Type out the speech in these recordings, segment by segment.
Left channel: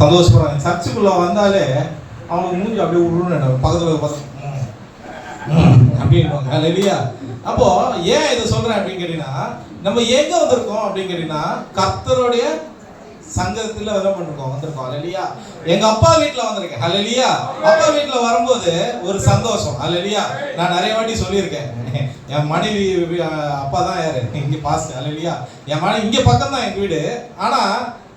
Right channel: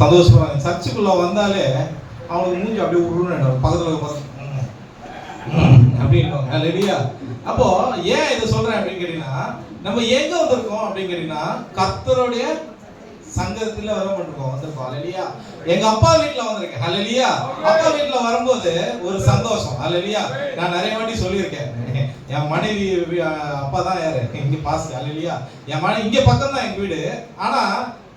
சந்தோஷமா சர்ச்சுக்குள்ள வந்தாலே அவனுக்கு மூஞ்சி அப்படியே உருன்னு பக்கத்தில் அப்படின்பாங்க. அல்லேலூயா. அப்போ ஏன் இதை சொல்றேன் அப்படின்னு கேட்டீங்கன்னா, நம்ம எங்க வந்திருக்கோம் அப்படின்னு கேட்டீங்கன்னா கர்த்தருடைய சங்கத்துல வந்திருக்கோம். அல்லேலூயா. எங்க அப்பா வீட்டுல வந்திருக்கேன். அல்லேலூயா. அப்பா வீட்டுல வரும்போது ஒரு சந்தோஷம். அல்லேலூயா. நான் நிறைய வாட்டி சொல்லியிருக்கேன், என் மனைவி அப்பா தான் யாரு இங்க பாஸ். அல்லேலூயா. என் மனைவி இங்க பக்கம் தான் எங்க வீடு, ஆனா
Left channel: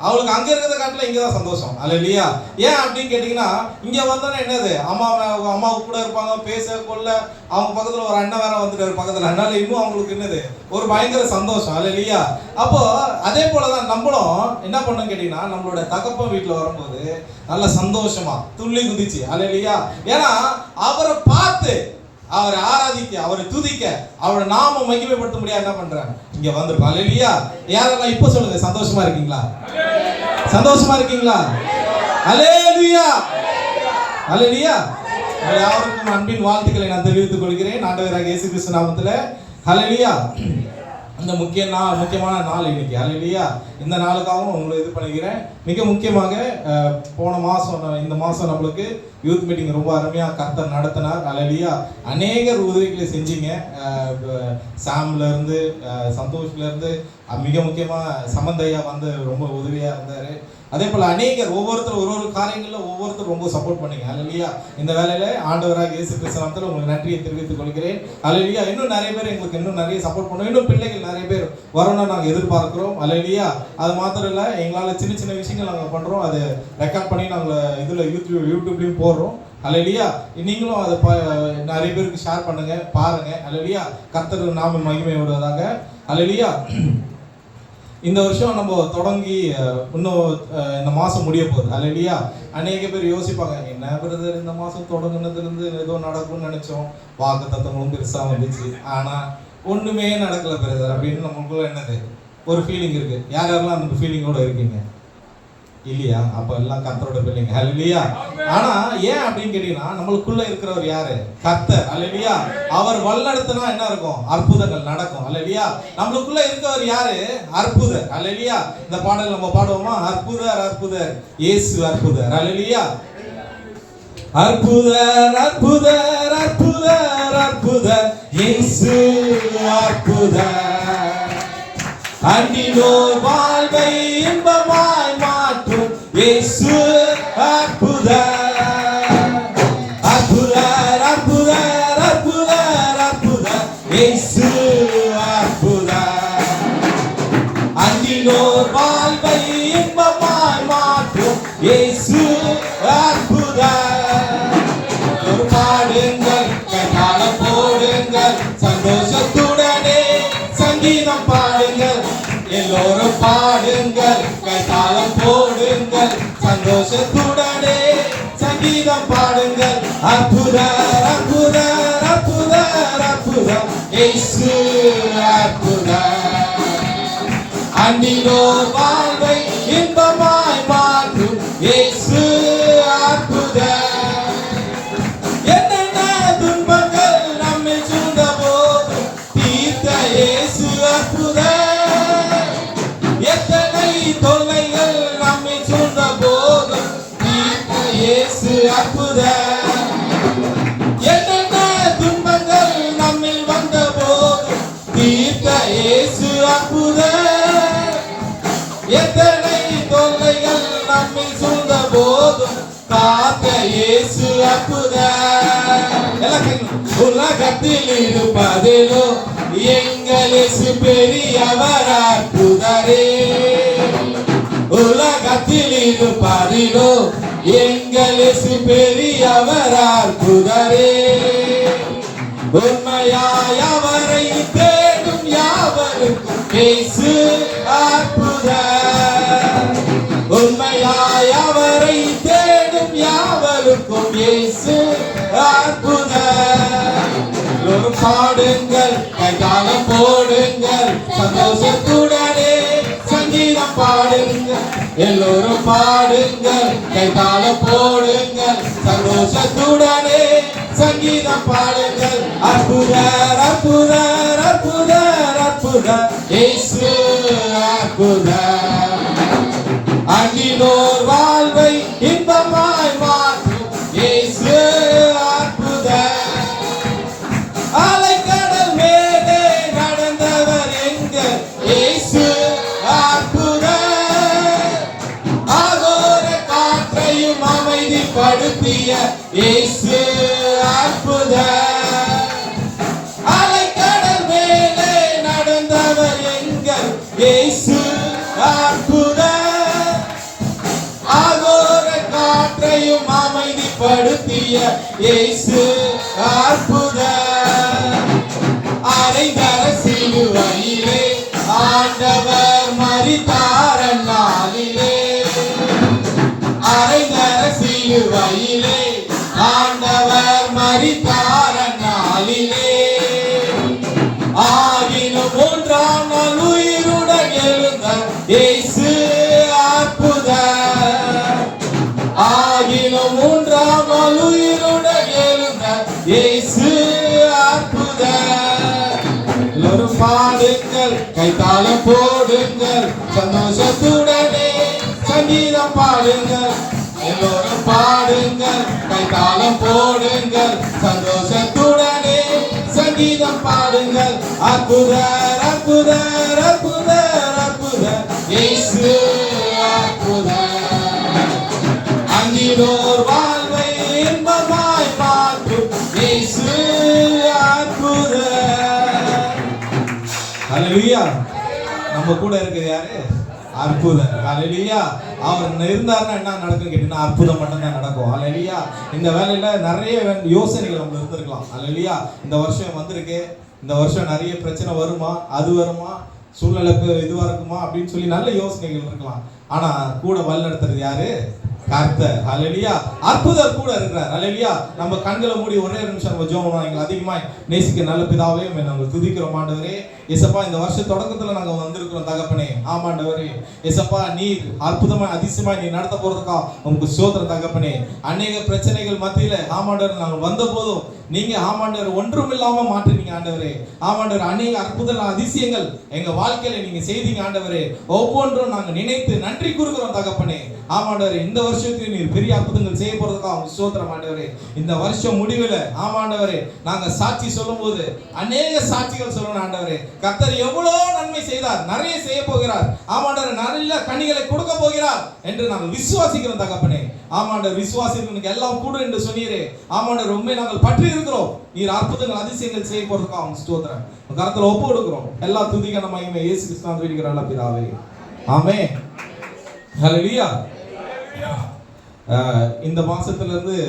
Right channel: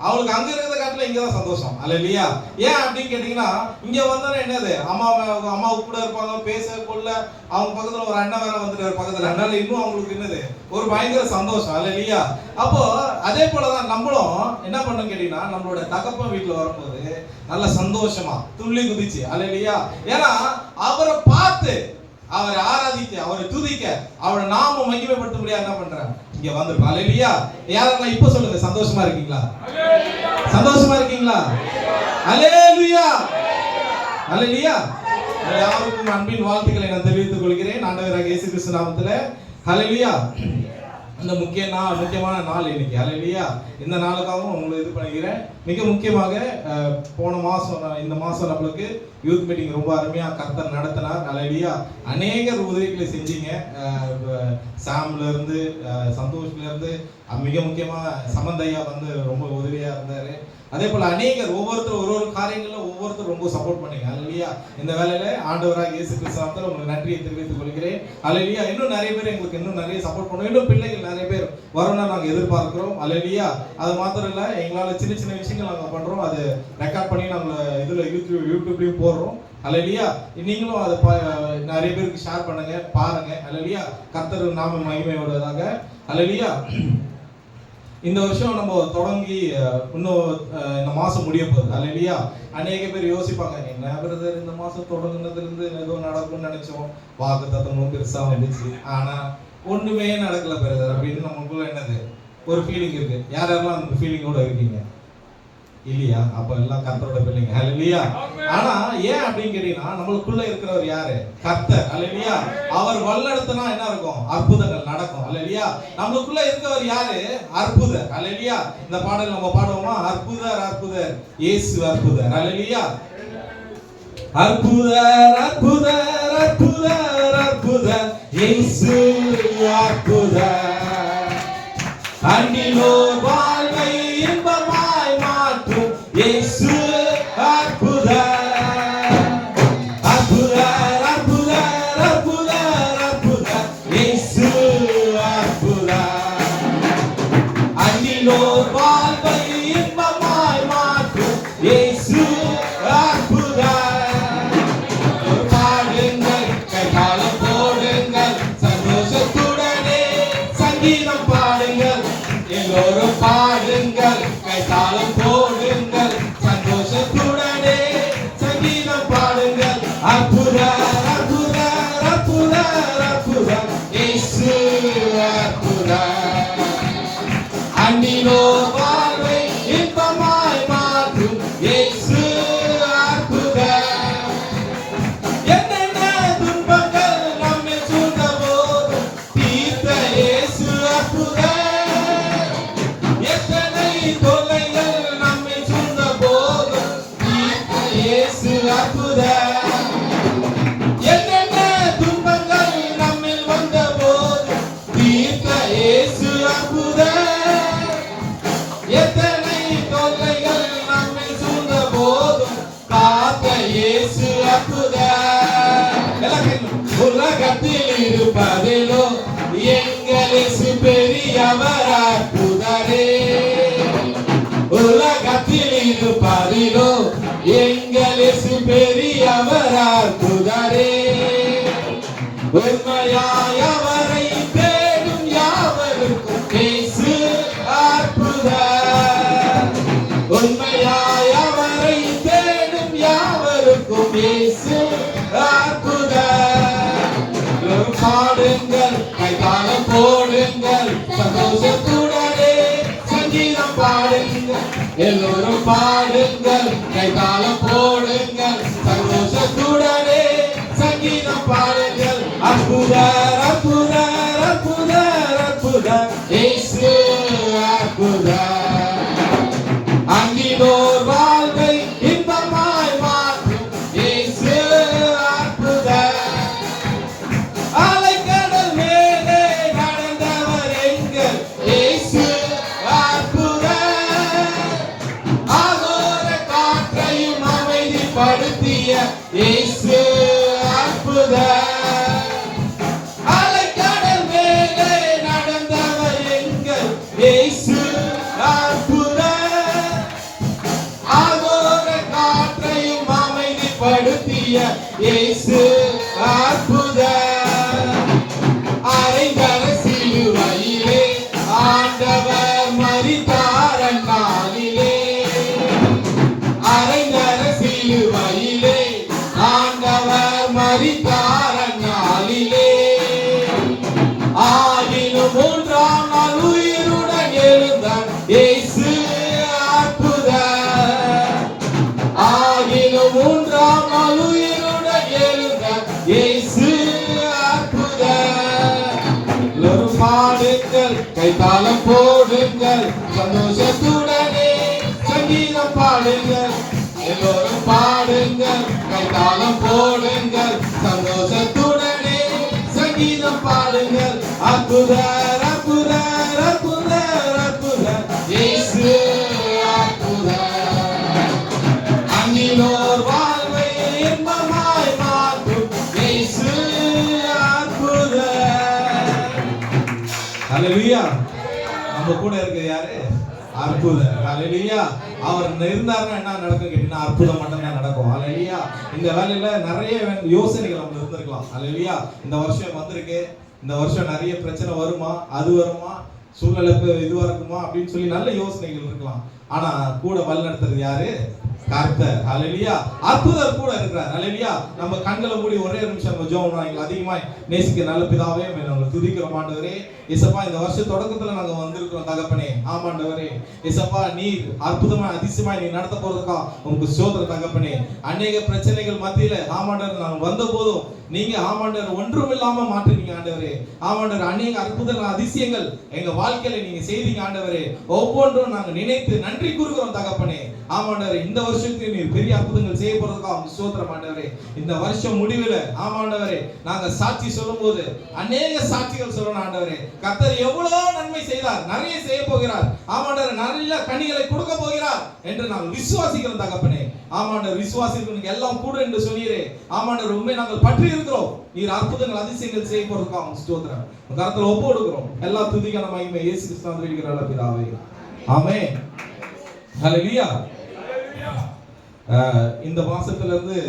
அவளுக்கு அங்க இருக்கிறத காட்டில இங்கதான் சந்தோஷம். அல்லேலூயா. ஏன் அப்படின்னு கேட்டீங்கன்னா, இங்க வந்தா என்னது, அம்மா கூட இருப்பாங்க, பேச கொள்ள, அவங்க பக்கத்துல ஒரு அண்ணன் வேற வந்துட்டு பக்கத்துல, அதனால இன்னும் அவங்களுக்கு என்னது ஒரு பயங்கர சந்தோஷம். அல்லேலூயா. அப்போ அதே போலதான் நம்மளும் என்ன பண்ணணும் கேட்டீங்கன்னா, நம்மளோட தகப்பன் வீட்டுல வரும்போது நல்ல சந்தோஷமா துள்ளி குதிச்சு. அல்லேலூயா. ஏன்னா அவரை பார்த்து, அவரை ஆராதிக்க, அவரை துதிக்க, அவரை நாம மகிமைப்படுத்த முடியாது என்ன பண்றாங்க இங்க வந்திருக்கோம். அல்லேலூயா. யாரெல்லாம் இப்ப சொல்லுங்க, சந்தோஷமா இருக்கீங்களா? சந்தோஷமா இருக்கீங்களா? அல்லேலூயா. அல்லேலூயா. யாருக்கும் அன்பின் வாழ்த்துக்களை நான் தெரிவித்துக் கொள்கிறேன் ஆண்டவராகிய இயேசு கிறிஸ்து நாமத்திலே. அல்லேலூயா. இந்த முக்கியமான நாள் இன்னைக்கு. அல்லேலூயா. இந்த நாளுக்காகவும் உங்களை இது பண்ணிக்கிறேன். மிக முக்கியமாக போன மாதம், இந்த மாதம் நம்மளுக்கு யூத் மீட்டிங் ரொம்ப அருமையாக கர்த்தர் நடத்தினார். அல்லேலூயா. அநேகர் உதவிகளை செஞ்சீங்க. சாம்ல இருந்து, சந்தோஷ்ல இருந்து, மிக முக்கியமாக சமந்தையா வந்து ரொம்ப உதவியாக இருந்தார். அதே போல அநேகர் ஒவ்வொருத்தரும் ஒரு காரியங்களில் ஒவ்வொருத்தரும் ரொம்ப சப்போர்ட் பண்ணீங்க. அல்லேலூயா. இந்த வேலையில ஆண்டவராக இயேசு கிறிஸ்து நாமத்தில் உங்களுக்கு நன்றியை தெரிவித்துக் கொள்கிறேன். அல்லேலூயா. இன்னும் நிறைய பேர் எங்களுக்கு இன்னும் நிறைய சப்போர்ட் பண்ணுவோம். இன்னும் பிள்ளைகள் நிறைய பேர் வரணும்னு நாங்கள் எதிர்பார்க்கிறோம். அல்லேலூயா. அது மாத்திரம் இல்லை, எங்களால் சின்ன சின்ன விஷயங்கள் நாங்கள் பண்றோம். அது ரெக்கார்ட் பண்ணி நாங்கள் இதுல யூடியூப்லயும் போடுறோம். அல்லேலூயா. நீங்களும் அதை நிறைய பேருக்கு ஷேர் பண்ணுங்க, பாருங்க. அல்லேலூயா. கர்த்தர் நாம மகிமை வருவதாக. அல்லேலூயா. இந்த வருஷம் நம்ம தொடங்கி இன்னும் இந்த மாசம் முடிய போகுது. அல்லேலூயா. அநேக பேர் யோசிப்பாங்க, என்ன பிரதர் இந்த மாசம் தொடங்குனதுல இருந்து ஏதோ நடக்கும்னு நினைச்சோம், வாக்குத்தத்தங்களும் பெருசா வந்துச்சு, ஆனா ஒண்ணுமே நடக்கல பிரதர் அப்படின்னு நமக்கு என்னது ஒரு ஃபீலிங் இருக்கு. யாரெல்லாம் அந்த ஃபீலிங்கோட இருக்கீங்க? இல்லையா? அப்ப எல்லாம் கர்த்தரோட பிள்ளைங்க. அல்லேலூயா. ஆனா ஏன் அப்படின்னு கேட்டீங்கன்னா, நம்மளுக்குள்ள இருக்கிறவர் யாரு? கர்த்தர். அல்லேலூயா. அவர் வல்லடத்துனா என்ன இருக்கும்? அற்புதங்கள் நடக்கும். அல்லேலூயா. நம்மளுக்குள்ள இருக்கிறவர் யாரு? அற்புதர். அல்லேலூயா. இந்த பாடல் நம்ம பாடுவோமா? அற்புதர் அற்புதர் இயேசு அற்புதர். அல்லேலூயா. அற்புதர் அற்புதர் அற்புதர் அற்புதர் இயேசு அற்புதர். அன்னிலோர் வாழ்வை இன்பமாய் மாற்றும் இயேசு அற்புதர். அற்புதர் அற்புதர் அற்புதர் அற்புதர் இயேசு அற்புதர். அன்னிலோர் வாழ்வை இன்பமாய் மாற்றும் இயேசு அற்புதர். பாடுங்கள், கைதாளம் போடுங்கள், சந்தோஷத்துடனே சங்கீதம் பாடுங்கள், எல்லோரும் பாடுங்கள், கைதாளம் போடுங்கள், சந்தோஷத்துடனே சங்கீதம் பாடுங்கள். அற்புதர் அற்புதர் அற்புதர் அற்புதர் இயேசு அற்புதர். அன்னிலோர் வாழ்வை இன்பமாய் மாற்றும் இயேசு அற்புதர். என்னென்ன துன்பங்கள் நம்மை சூழ்ந்த போது தீர்த்த இயேசு அற்புதர். எத்தனை தொல்லைகள் நம்மை சூழ்ந்த போது தீர்த்த இயேசு அற்புதர். என்னென்ன துன்பங்கள் நம்மில் வந்த போது தீர்த்த இயேசு அற்புதர். எத்தனை தொல்லைகள் நம்மில் சூழ்ந்த போதும் காத்த இயேசு அற்புதர். உலகத்தில் இருப்பதிலோ எங்கள் இயேசு பெரியவர் அற்புதரே. உலகத்தில் இருப்பதிலோ எங்கள் இயேசு பெரியவர் அற்புதரே. உண்மையாய் அவரை தேடும் யாவருக்கும் இயேசு அற்புதர். உண்மையாய் அவரை தேடும் யாவருக்கும் இயேசு அற்புதர். பாடுங்கள், கைதாளம் போடுங்கள், சந்தோஷத்துடனே சங்கீதம் பாடுங்கள், எல்லோரும் பாடுங்கள், கைதாளம் போடுங்கள், சந்தோஷத்துடனே சங்கீதம் பாடுங்கள். அற்புதர் அற்புதர் அற்புதர் அற்புதர் இயேசு அற்புதர். அன்பினோர் வாழ்வை பாடுங்கள், கைத்தாளம் போடுங்கள், சந்தோஷத்துடனே சங்கீதம் பாடுங்கள். எல்லோரும் பாடுங்கள், கைத்தாளம் போடுங்கள், சந்தோஷத்துடனே சங்கீதம் பாடுங்கள். அற்புதர் அற்புதர் அற்புதர் அற்புதர் இயேசு அற்புதர். அந்நியோர் வாழ்வை இன்பமாய் மாற்றும் இயேசு அற்புதர். ஹல்லேலூயா. நம்ம கூட இருக்க யாரு? அற்புதர். ஹல்லேலூயா. அவர் இருந்தாருன்னா என்ன நடக்கும் கேட்டீங்கன்னா அற்புதம் மட்டும்தான் நடக்கும். ஹல்லேலூயா. இந்த வேலையில நிறைய யோசனைகள் நம்ம இருந்திருக்கலாம். ஹல்லேலூயா. இந்த வருஷம் வந்திருக்கு, இந்த வருஷம் நிறைய பிரச்சனை வருமா, அது வருமா, சூழ்நிலை இதுவா இருக்குமா அப்படின்னு சொல்லி நல்ல யோசனைகள் இருக்கலாம். ஆனா கூட வழிநடத்துறது யாரு? கர்த்தர். ஹல்லேலூயா. அற்புதர் கூட இருக்கிறார். ஹல்லேலூயா. நம்ம கண்களை மூடி ஒரே நிமிஷம் நம்ம ஜெபம் பண்ணலாம். எங்களை அதிகமாய் நேசிக்க நல்ல பிதாவே, நாங்கள் துதிக்கிறோம் ஆண்டவரே. இயேசப்பா, இந்த வருஷ தொடக்கத்துல நாங்க வந்திருக்கிறோம் தகப்பனே. ஆமாண்டவரே இயேசப்பா, நீர் அற்புதமாய் அதிசயமாய் நீ நடத்த போறதுக்கா உங்களுக்கு ஸ்தோத்திரம் தகப்பனே. அநேக பிரச்சனைகள் மத்தியில ஆமாண்டவர் நாங்கள் வந்த போதும் நீங்க ஆமாண்டவர் ஒன்றும் இல்லாம மாற்றினீங்க ஆண்டவரே. ஆமாண்டவர் அநேக அற்புத அதிசயங்கள் எங்க வாழ்க்கையில நீங்க செய்தீங்க ஆண்டவரே. ஒவ்வொன்றும் நாங்க நினைத்து நன்றி கூறுகிறோம் தகப்பனே. ஆமாண்டவரே, இந்த வருஷத்துல நீர் பெரிய அற்புதங்கள் செய்ய போறதுக்கா உங்களுக்கு ஸ்தோத்திரம் ஆண்டவரே. இந்த வருஷம் முடிவில் ஆமாண்டவரே நாங்க சாட்சி சொல்லும் போது அநேக சாட்சிகள் சொல்லணும் ஆண்டவரே. கர்த்தர் எவ்வளவு நன்மை செய்தார், நிறைய செய்ய போகிறார். ஆமாண்டவர் நல்ல கனிகளை கொடுக்க போகிறார் என்று நாங்கள் விசுவாசிக்கிறோம் தகப்பனே. ஆமாண்டவர் விசுவாசிக்கிறவனுக்கு எல்லாம் கூட என்று சொன்னீரே. ஆமாண்டவர் உண்மை நாங்கள் பற்றி இருக்கிறோம். நீர் அற்புதங்கள் அதிசயங்கள் செய்ய போறதுக்கா உங்களுக்கு ஸ்தோத்திரம். கர்த்தரை ஒப்பு கொடுக்கிறோம். எல்லா துதிக்கான மகிமை இயேசு கிறிஸ்துவின் வேண்டிக்கிறோம் பிதாவே. ஆமென். ஹல்லேலூயா. இந்த மாசத்துல இருந்து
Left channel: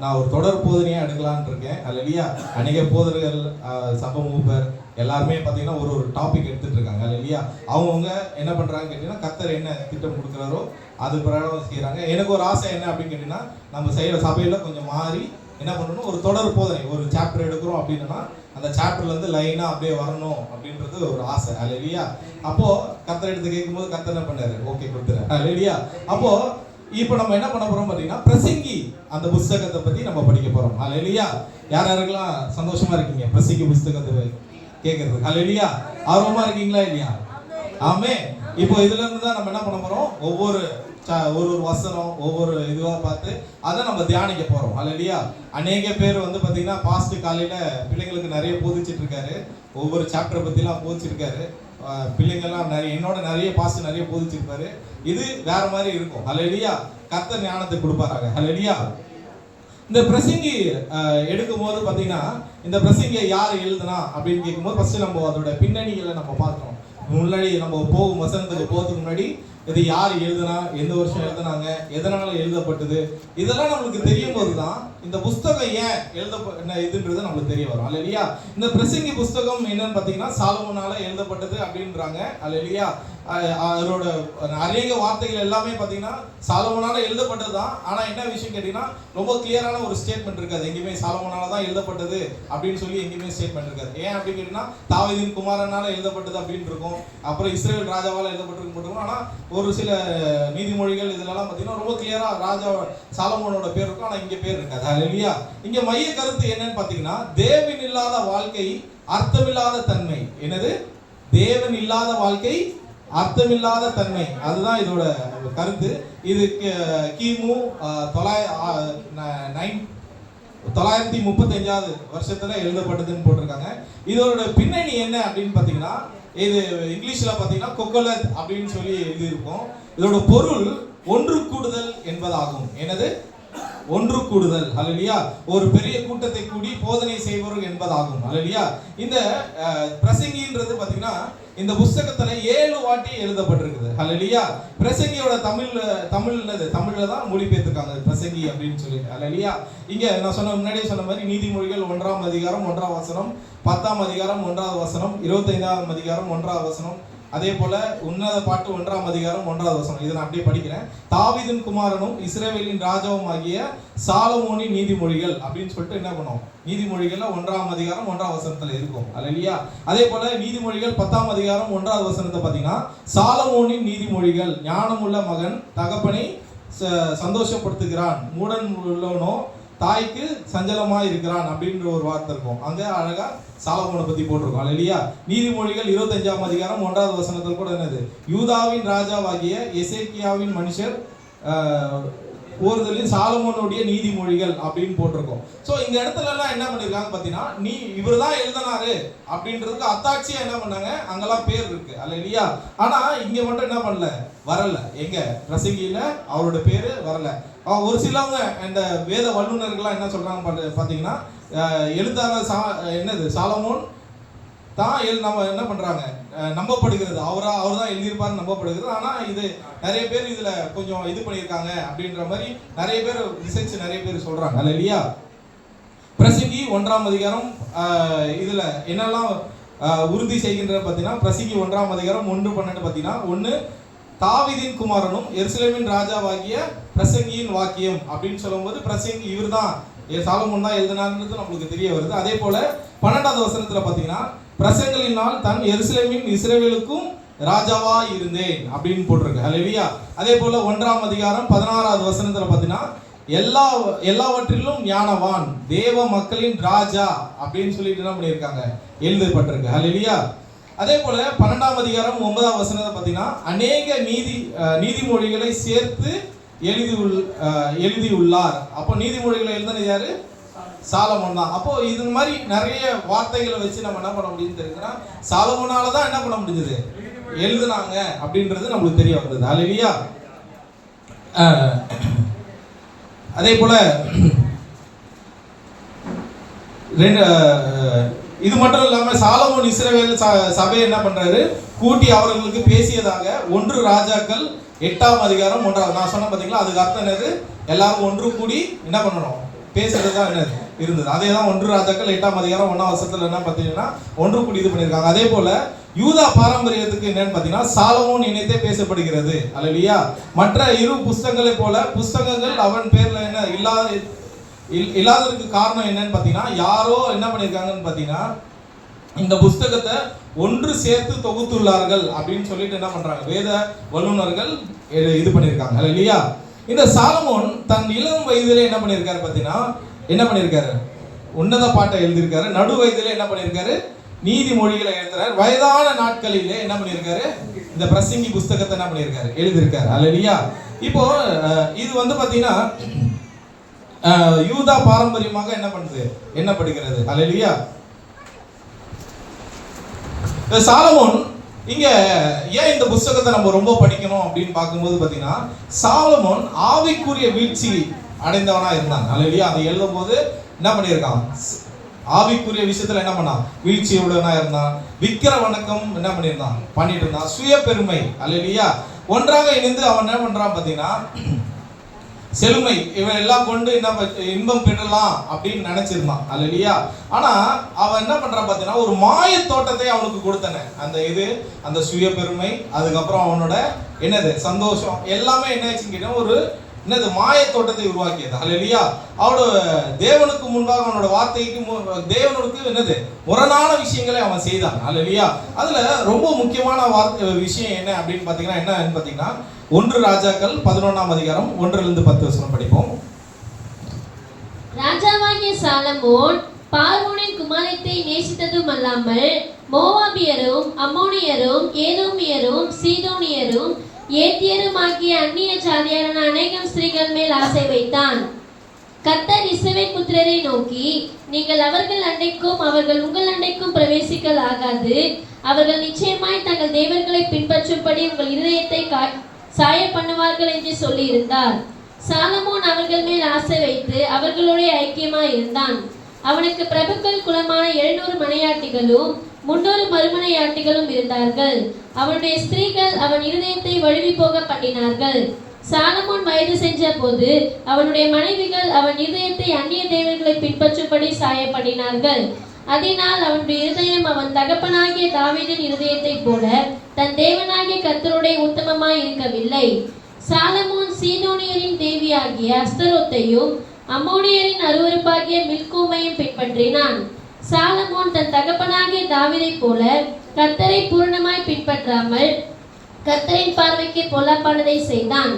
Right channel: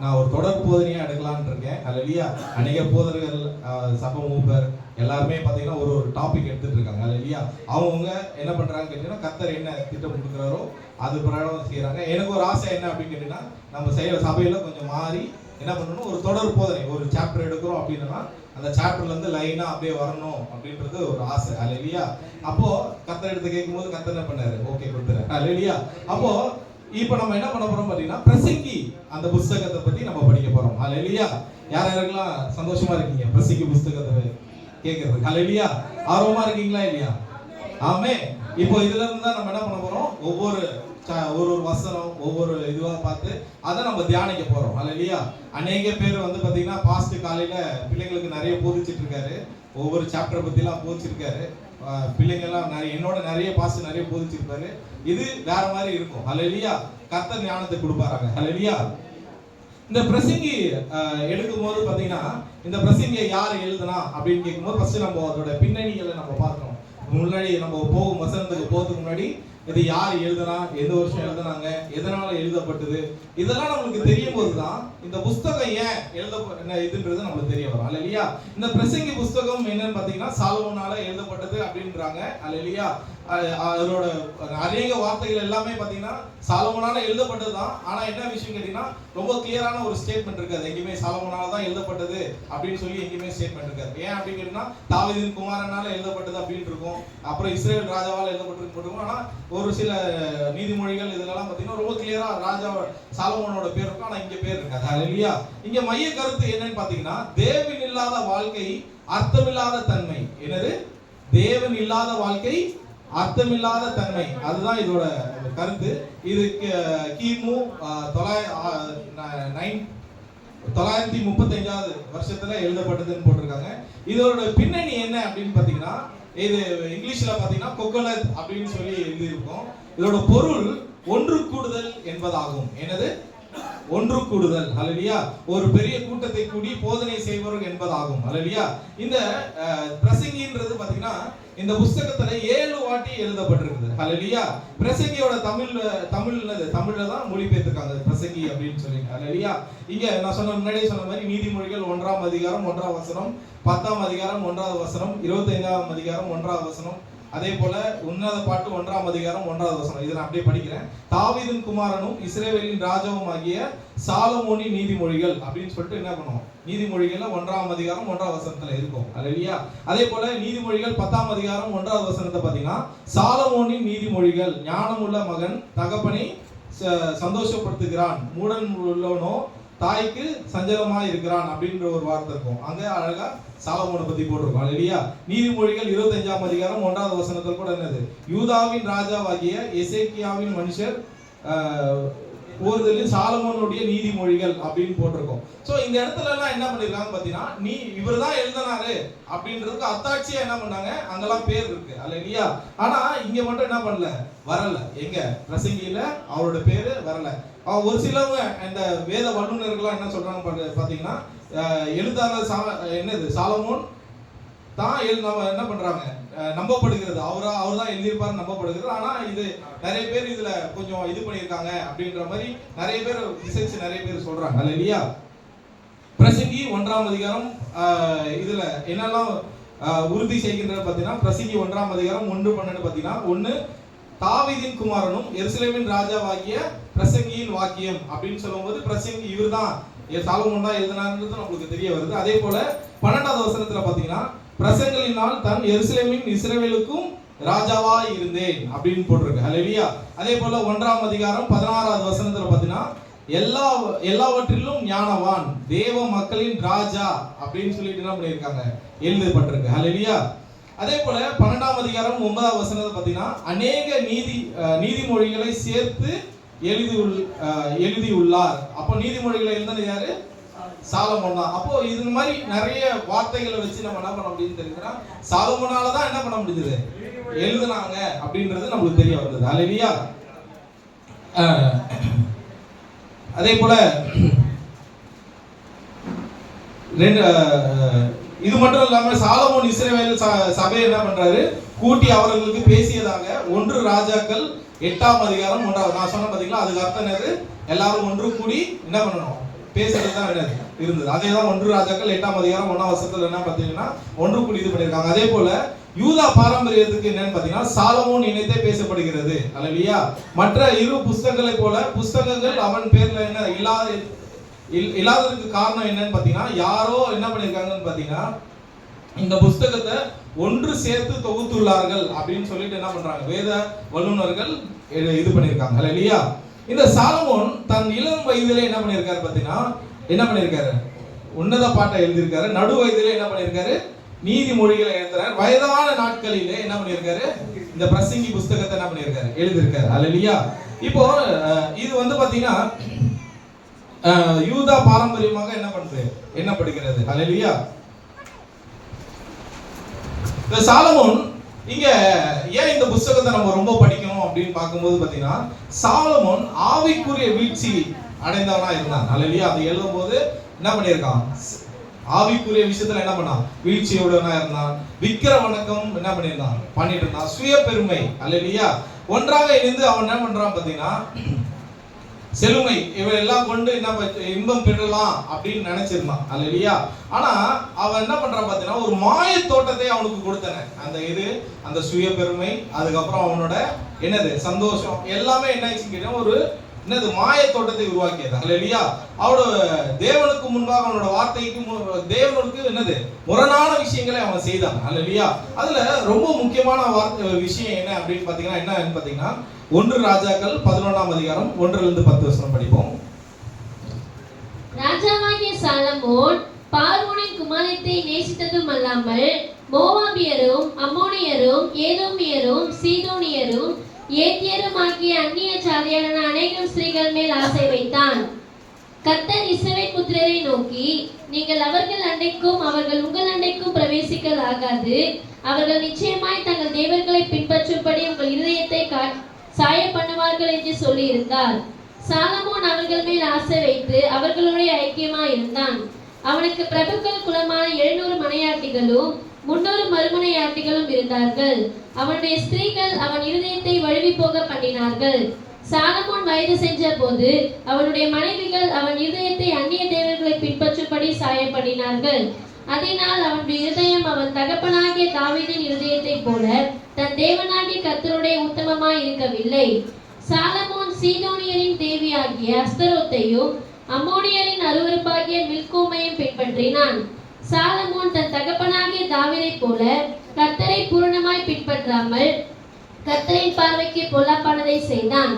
நான் ஒரு தொடர் போதனையா எடுக்கலான்னு இருக்கேன். ஹல்லேலூயா. அநேக போதர்கள் சபை மூப்பர் எல்லாருமே பாத்தீங்கன்னா ஒரு டாபிக் எடுத்துட்டு இருக்காங்க. ஹல்லேலூயா. அவங்க என்ன பண்றாங்க கேட்டீங்கன்னா கர்த்தர் என்ன திட்டம் கொடுக்குறாரோ அது பிரகாரம் செய்யறாங்க. எனக்கு ஒரு ஆசை என்ன அப்படின்னு கேட்டீங்கன்னா நம்ம செய்யற சபையில கொஞ்சம் மாறி என்ன பண்ணணும், ஒரு தொடர் போதனை ஒரு சாப்டர் எடுக்கிறோம் அப்படின்னா அந்த சாப்டர்ல இருந்து லைனா அப்படியே வரணும் அப்படின்றது ஒரு ஆசை. ஹல்லேலூயா. அப்போ கர்த்தர் எடுத்து கேட்கும்போது கர்த்தர் என்ன பண்ணாரு, ஓகே கொடுத்துரு. ஹல்லேலூயா. அப்போ இப்போ நம்ம என்ன பண்ண போறோம் பாத்தீங்கன்னா பிரசங்கி அந்த புத்தகத்தை பத்தி நம்ம படிக்க போறோம். ஹல்லேலூயா. யாரெல்லாம் சந்தோஷமா இருக்கீங்க பிரசங்கி புத்தகத்தை கேட்கறது? ஹல்லேலூயா. ஆர்வமா இருக்கீங்களா இல்லையா? ஆமென். இப்போ இதுல இருந்து தான் நம்ம என்ன பண்ண போறோம், ஒவ்வொரு வசனம் ஒவ்வொரு இதுவா பார்த்து அதை நம்ம தியானிக்க போறோம். ஹல்லேலூயா. அநேக பேர் வந்து பாத்தீங்கன்னா பாஸ்ட் காலையில பிள்ளைங்களுக்கு நிறைய போதிச்சிட்டு இருக்காரு. ஒவ்வொரு சாப்டர் பத்தி எல்லாம் போதிச்சிருக்காரு. பிள்ளைங்கெல்லாம் நிறைய என்னோட நிறைய பாஸ்ட் நிறைய போதிச்சிருப்பாரு. இது வேற மாதிரி இருக்கும். ஹல்லேலூயா. கர்த்தர் ஞானத்தை கொடுப்பாராங்க. ஹல்லேலூயா. இந்த பிரசங்கி எடுக்கும் போது பாத்தீங்கன்னா இந்த பிரசங்கியை யார் எழுதுனா அப்படின்னு கேட்கும்போது ஃபர்ஸ்ட் நம்ம அதோட பின்னணிகளை நம்ம பார்க்கணும். முன்னாடி நம்ம போகும் வசனத்துக்கு போகிறதுக்கு முன்னாடி இது யார் எழுதுனா, எந்த வருஷம் எழுதுனாங்க, எதனால எழுதப்பட்டது, இதெல்லாம் நம்மளுக்கு தெரியும் போதுதான் இந்த புஸ்தகம் ஏன் இதுன்றது நம்மளுக்கு தெரிய வரும். ஹல்லேலூயா. இந்த பிரசங்கி புஸ்தகம் என்னன்னு பாத்தீங்கன்னா சாலமோனால எழுதப்பட்டது அப்படின்றாங்க. ஹல்லேலூயா. அதோட அநேக வார்த்தைகள் எல்லாமே பாத்தீங்கன்னா சாலமோனால எழுதப்பட்டதுதான். ஆனா என்ன விஷயம் கேட்டீங்கன்னா ரொம்ப கிளியரான ஒரு ஸ்டேட்மெண்ட் இருக்காது. எங்கேயுமே சாலமோனால தான் எழுதப்பட்டது அப்படின்னு சொல்லி எங்கேயுமே ஸ்டேட்மெண்ட் இருக்காது. ஏன் அப்படின்னு கேட்டீங்கன்னா தாவீதின் குமாரனால எழுதப்பட்டது அப்படின்னு இருக்கும், அப்புறம் இஸ்ரேல் ராஜாவால எழுதப்பட்டிருக்கும். ஆனா ஒரு சில நீதிமொழிகள் இதெல்லாம் பாத்தீங்கன்னா ரொம்ப கிளியரா ராஜா சாலமோனோட பேர் இருக்கும், ஆனா இங்க பேர் இருக்காது. ஹல்லேலூயா. இங்க மைய கருத்து என்னன்னு பாத்தீங்கன்னா தேவன் இல்லாத வாழ்க்கை அர்த்தமில்லாத தன்மை. என்னது? தேவன் இல்லாத வாழ்க்கை அர்த்தமில்லாத தன்மை. அதுதான் இதோட கருத்து. இது கிமு 935 வருஷத்துல எழுதப்பட்டதுன்னு போட்டிருக்காங்க. இதோட பின்னணி என்ன அப்படின்னு பாத்தீங்கன்னா இது இங்கிலீஷ்ல பாத்தீங்கன்னா கொக்கலத் அப்படின்னு சொல்லி எழுதியிருக்கோம். இதோட பொருள் ஒன்று கூடுதல் என்பதாகும். என்னது? ஒன்று கூடுதல். ஹல்லேலூயா. ஒரு பெரிய கூட்டத்தை கூடி போதனை செய்வர் என்பதாகும். ஹல்லேலூயா. இந்த பிரசங்கின்றது பாத்தீங்கன்னா இந்த புத்தகத்துல 7 வாட்டி எழுதப்பட்டிருக்குது. ஹல்லேலூயா. பிரசங்கியோட தமிழ்ல தான் மொழிபெயர்த்திருக்காங்க பிரசங்கி அப்படின்னு சொல்லி. ஹல்லேலூயா. இங்க நான் முன்னாடியே சொன்ன மாதிரி நீதிமொழிகள் 1ஆம் அதிகாரம் 1ஆம் வசனம், 10ஆம் அதிகாரம் 1ஆவது வசனம், 25ஆம் அதிகாரம் 1ஆவது வசனம், அதே போல உன்னத பாட்டு 1ஆம் அதிகாரம் 1ஆவது வசனம். இதை நான் அப்படியே படிக்கிறேன். தாவீதின் குமாரனும் இஸ்ரவேலின் ராஜாவும் ஆகிய சாலமோனின் நீதிமொழிகள் அப்படின்னு சொல்லிட்டு என்ன பண்ணுவோம், நீதிமொழிகள்ல 1ஆம் அதிகாரம் 1ஆவது வசனத்துல இருக்கும். அல்லேலூயா. அதே போல நீதிமொழிகள் 10ஆம் அதிகாரம் 1ஆவது வசனத்தை பாத்தீங்கன்னா சாலமோனின் நீதிமொழிகள் ஞானமுள்ள மகன் தகப்பனை சந்தோஷப்படுத்துகிறான், மூடன் உள்ளவனோ தாய்க்கு சஞ்சலமா இருக்கிறான் அப்படின்ற ஒரு வார்த்தை இருக்கும். அங்க அழகா சாலமோனை பத்தி போட்டிருக்கோம். அல்லேலூயா. நீதிமொழிகள் 25ஆம் அதிகாரம் 1வது வசனத்தில் கூட என்னது, யூதாவின் ராஜாவாகிய எசேக்கியாவின் மனுஷர் ஓர்தலில் சாலமோனுடைய நீதிமொழிகள் அப்படின்னு போட்டிருக்கோம். சோ இந்த இடத்துல எல்லாம் என்ன பண்ணிருக்காங்க பாத்தீங்கன்னா, நீ இவர் தான் எழுதினாரு அப்படின்றதுக்கு அத்தாட்சியா என்ன பண்ணாங்க, அங்கெல்லாம் பேர் இருக்கு. அல்லேலூயா. ஆனா இங்க மட்டும் என்ன பண்ணல, வரல. எங்க பிரசங்கியில அவரோட பேரு வரல. ஒரு சிலவங்க இந்த வேத வல்லுநர்கள்லாம் என்ன சொல்றாங்க பாத்தீங்கன்னா, எழுத்தாளர் என்னது சாலமோன் தான் நம்ம என்ன பண்றாங்க, நம்பப்படுகிறது. அவர் தான் எழுதியிருப்பாரு நம்பப்படுகிறது. ஆனா இது நிறைய பேர் இதுல கொஞ்சம் இது பண்ணியிருக்காங்க அப்படின்ற மாதிரி நிறைய பேர் ரிசர்ச் நிறைய பேர் சொல்றாங்க. அல்லேலூயா. பிரசங்கி 1ஆம் அதிகாரம் இதுல என்னெல்லாம் உறுதி செய்கின்ற பார்த்தீங்கன்னா, பிரசங்கி 1ஆம் அதிகாரம் 1:12 பார்த்தீங்கன்னா, 1 தாவீதின் குமாரனும் எருசலேமின் ராஜாவாகிய பிரசங்கியின் வாக்கியம் அப்படின்னு சொல்லும்போது பிரசங்கி இவர் தான் சாலமோன் தான் எழுதினார்ன்றது நம்மளுக்கு தெரிய வருது. அதே போல 12வது வசனத்துல பார்த்தீங்கன்னா, பிரசங்களினால் தான் எருசலேமின் இஸ்ரவேலுக்கும் ராஜாவா இருந்தேன் அப்படின்னு போட்டிருக்கு. அல்லேலூயா. அதே போல 1ஆம் அதிகாரம் 16வது வசனத்துல பார்த்தீங்கன்னா, எல்லாவற்றிலும் ஞானவான் தேவ மக்களின் ராஜா அப்படின்னு சொல்லிட்டு என்ன பண்ணியிருக்காங்க, எழுதப்பட்டிருக்கு. அல்லேலூயா. அதே போல 12ஆம் அதிகாரம் 9வது வசனத்தை பார்த்தீங்கன்னா, அநேக நீதிமொழிகளை சேர்த்து எழுதியுள்ளார். அப்போ நீதிமொழிகளை எழுதினது யாரு, சாலமோன் தான். அப்போ இது மாதிரி நிறைய வார்த்தைகளை வச்சு நம்ம என்ன பண்ண முடியும்னு தெரியுதுன்னா, சாலமோனால தான் என்ன பண்ண முடிஞ்சது, எழுதுனாங்க அப்படின்றது நம்மளுக்கு தெரிய வந்தது. அல்லேலூயா. அதே போல இது மட்டும் இல்லாம சாலமோன் இஸ்ரவேல் சபையை என்ன பண்றாரு, கூட்டி அவர்களுக்கு பேசியதாக 1 ராஜாக்கள் 8ஆம் அதிகாரம் 1வது நான் சொன்ன பாத்தீங்களா, அதுக்கு அர்த்தம் என்னது, எல்லாரும் ஒன்று கூடி என்ன பண்ணணும், பேசுறது தான் என்னது இருந்தது. அதே தான் 1 ராஜாக்கள் 8ஆம் அதிகாரம் 1ஆம் வசனத்துல என்ன பார்த்தீங்கன்னா, ஒன்று கூடி இது பண்ணியிருக்காங்க. அதே போல யூதா பாரம்பரியத்துக்கு என்னன்னு பார்த்தீங்கன்னா, சாலமோன் இணைத்தே பேசப்படுகிறது. அல்லேலூயா. மற்ற 2 புஸ்தகங்களை போல புஸ்தகங்கள் அவன் பேர்ல என்ன இல்லாததுக்கு காரணம் என்னன்னு பார்த்தீங்கன்னா, யாரோ என்ன பண்ணியிருக்காங்கன்னு பார்த்தீங்கன்னா, இந்த புஸ்தகத்தை ஒன்று சேர்த்து தொகுத்துள்ளார்கள் அப்படின்னு சொல்லிட்டு என்ன பண்றாங்க, வேத வல்லுநர்கள் இது பண்ணியிருக்காங்க. அல்லேலூயா. இந்த சாலமோன் தன் இளம் வயதிலே என்ன பண்ணியிருக்காரு பார்த்தீங்கன்னா, என்ன பண்ணியிருக்காரு, உன்னத பாட்டை எழுதியிருக்காரு. நடு வயதிலே என்ன பண்ணியிருக்காரு, நீதிமொழிகளை எழுதுறாரு. வயதான நாட்களிலே என்ன பண்ணியிருக்காரு, இந்த பிரசங்கி புஸ்தகத்தை என்ன பண்ணியிருக்காரு, எழுதியிருக்காரு. அல்லேலூயா. இப்போ இது வந்து பார்த்தீங்கன்னா யூதா பாரம்பரியமாக என்ன பண்ணுது, எண்ணப்படுகிறது. அல்லேலூயா. சாலமோன் இங்க ஏன் இந்த புத்தகத்தை நம்ம ரொம்ப படிக்கணும் அப்படின்னு பார்க்கும்போது பார்த்தீங்கன்னா, சாலமோன் ஆவிக்குரிய வீழ்ச்சி அடைந்தவனா இருந்தான். அல்லேலூயா. அதை எழுதும் போது என்ன பண்ணியிருக்கான், ஆவிக்குரிய விஷயத்துல என்ன பண்ணான், வீழ்ச்சியுடனா இருந்தான். விக்கிர வணக்கம் என்ன பண்ணிட்டு இருந்தான். சுய பெருமை. அல்லேலூயா. ஒன்றாக இணைந்து அவன் என்ன பண்றான் பார்த்தீங்கன்னா, செழுமை இவன் எல்லாம் கொண்டு என்ன இன்பம் பெறலாம் அப்படின்னு நினைச்சிருந்தான். அல்லேலூயா. ஆனா அவன் என்ன பண்றான் பார்த்தீங்கன்னா, ஒரு மாய தோட்டத்தை அவனுக்கு கொடுத்தன. அந்த சுய பெருமை, அதுக்கப்புறம் அவனோட என்னது சந்தோஷம் எல்லாமே என்ன ஆச்சுன்னு ஒரு என்னது மாய தோட்டத்தை உருவாக்கியது. அல்லேலூயா. அவனோட தேவனுக்கு முன்பாக அவனோட வார்த்தைக்கு தேவனுக்கு என்னது முரணான விஷயங்களை அவன் செய்தான். அல்லேலூயா. அதுல ரொம்ப முக்கியமான விஷயம் என்ன அப்படின்னு பாத்தீங்கன்னா, என்னன்னு பாத்தீங்கன்னா, 1 ராஜாக்கள் 11ஆம் அதிகாரம் 1லிருந்து 10 வசனம் படிப்போம். ராஜாவாகிய சாலமோன் பார்வோனின் குமாரத்தை நேசித்ததும் அல்லாமல் மோவாபியரும் அம்மோனியரும் ஏதோமியரும் சீதோனியரும் ஏத்தியரும் ஆகிய அந்நிய ஜாதியான அநேகம் ஸ்திரீகள் மேல் ஆசை வைத்தான். கர்த்தர் இஸ்ரவேல் புத்திரரை நோக்கி, நீங்கள் அவர்கள் அண்டைக்கும் அவர்கள் உங்கள் அண்டைக்கும் பிரவேசிக்கல் ஆகாது. அவர்கள் நிச்சயமாய் தங்கள் தேவர்களை பின்பற்றும்படி உங்கள் இருதயத்தை சாய பண்ணுவார்கள் என்று சொல்லி இருந்தார். சாலமோன் அவர்கள் மேல் ஆசை வைத்து அவர்களுடைய ஐக்கியமாய் இருந்தான். அவனுக்கு பிரபுக்கள் குலமான 700 மனையாட்டிகளும் 300 மறுமனையாட்டிகளும் இருந்தார்கள். அவனுடைய ஸ்திரீகள் அவன் இருதயத்தை வழுவி போக பண்ணினார்கள். சாலமோன் வயது சென்ற போது அவனுடைய மனைவிகள் அவன் இருதயத்தை அந்நிய தேவர்களை பின்பற்றும்படி சாயப்படினார்கள். அதனால் அவனுடைய இருதயம் அவன் தகப்பனாகிய தாவீதின் இருதயத்தை போல தன் தேவனாகிய கர்த்தருடைய உத்தமமாய் இருக்கவில்லை. சாலமோன் சீதோனியரின் தேவியாகிய அஸ்தரோத்தையும் அம்மோனியரின் அருவருப்பாகிய மில்கோமையும் பின்பற்றினான். சாலமோன் தன் தகப்பனாகிய தாவீதை போல கர்த்தரை பூரணமாய் பின்பற்றாமல் கர்த்தரின் பார்வைக்கு பொல்லாப்பானதை செய்தான்.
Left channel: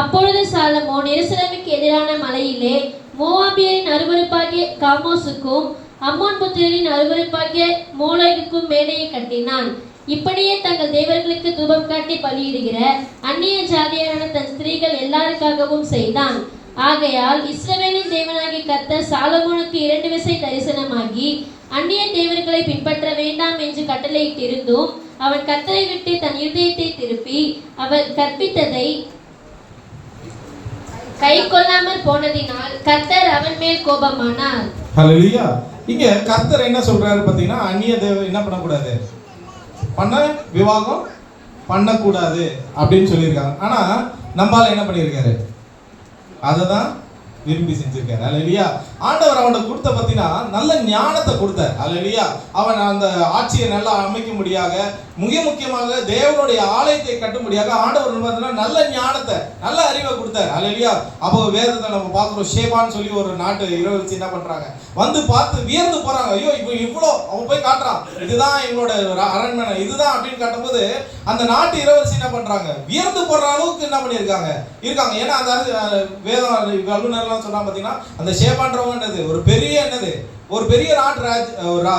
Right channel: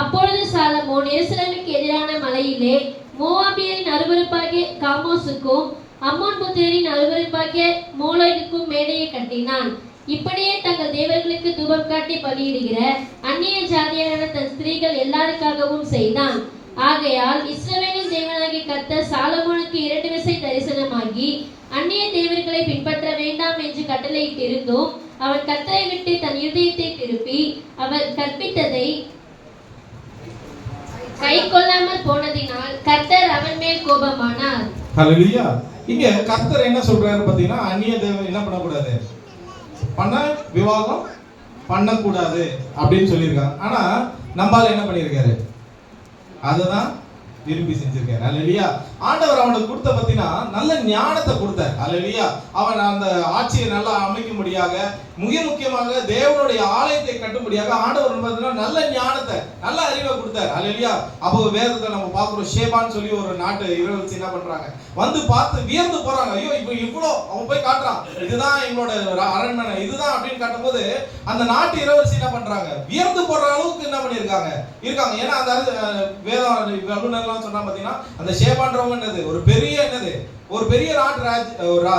அப்பொழுது சாலமோன் எருசலேமுக்கு எதிரான மலையிலே மோவாபியரின் அருவருப்பாகிய காமோசுக்கும் அம்மோன் புத்திரரின் அருவருப்பாகிய மோளோகுக்கும் மேடையை கட்டினான். இப்படியே தங்கள் தேவர்களுக்கு தூபம் காட்டி பலியிடுகிற அந்நிய ஜாதியான தன் ஸ்திரீகள் எல்லாருக்காகவும் செய்தான். ஆகையால் இஸ்ரவேலின் தேவனாகிய கர்த்தர் சாலமோனுக்கு 2 விசை தரிசனமாகி அந்நிய தேவர்களை பின்பற்ற வேண்டாம் என்று கட்டளையிட்டிருந்தும் அவன் கர்த்தரை விட்டு தன் இருதயத்தை திருப்பி அவர் கற்பித்ததை கை கொள்ளாமல் போனதினால் கர்த்தர் அவன் மேல் கோபமானார். ஹல்லேலூயா. இங்க கர்த்தர் என்ன சொல்றாரு பாத்தீங்கன்னா, அந்நிய தேவ என்ன பண்ணக்கூடாது, விவாகம் பண்ணக்கூடாது அப்படின்னு சொல்லியிருக்காங்க. ஆனா நம்மால என்ன பண்ணியிருக்காரு, அதுதான் விரும்பி செஞ்சிருக்காரு. ஹல்லேலூயா. ஆண்டவர் அவனுக்கு கொடுத்த பத்தினா நல்ல ஞானத்தை கொடுத்தார். ஹல்லேலூயா. அவன் அந்த ஆட்சியை நல்லா அமைக்கும்படியாக, மிக முக்கியமாக தேவனுடைய ஆலயத்தை கட்டும்படியாக ஆண்டவர் நல்ல ஞானத்தை, நல்ல அறிவை கொடுத்தார். ஹல்லேலூயா. அப்போ வேதத்தை நம்ம பார்க்கிறோம், ஷேபான்னு சொல்லி ஒரு நாட்டு இரவு என்ன பண்றாங்க, வந்து பார்த்து வியந்து போறாங்க. ஐயோ இப்போ இவ்வளோ, அவன் போய் காட்டுறான், இதுதான் எங்களோட அரண்மனை, இதுதான் அப்படின்னு காட்டும்போது அந்த நாட்டு இளவரசி என்ன பண்றாங்க, வியந்து போற அளவுக்கு என்ன பண்ணியிருக்காங்க இருக்காங்க. ஏன்னா அந்த வேதம் வல்லுநர்லாம் சொன்னா பாத்தீங்கன்னா, அந்த ஷேபான்றவங்க என்னது, ஒரு பெரிய நாட்டு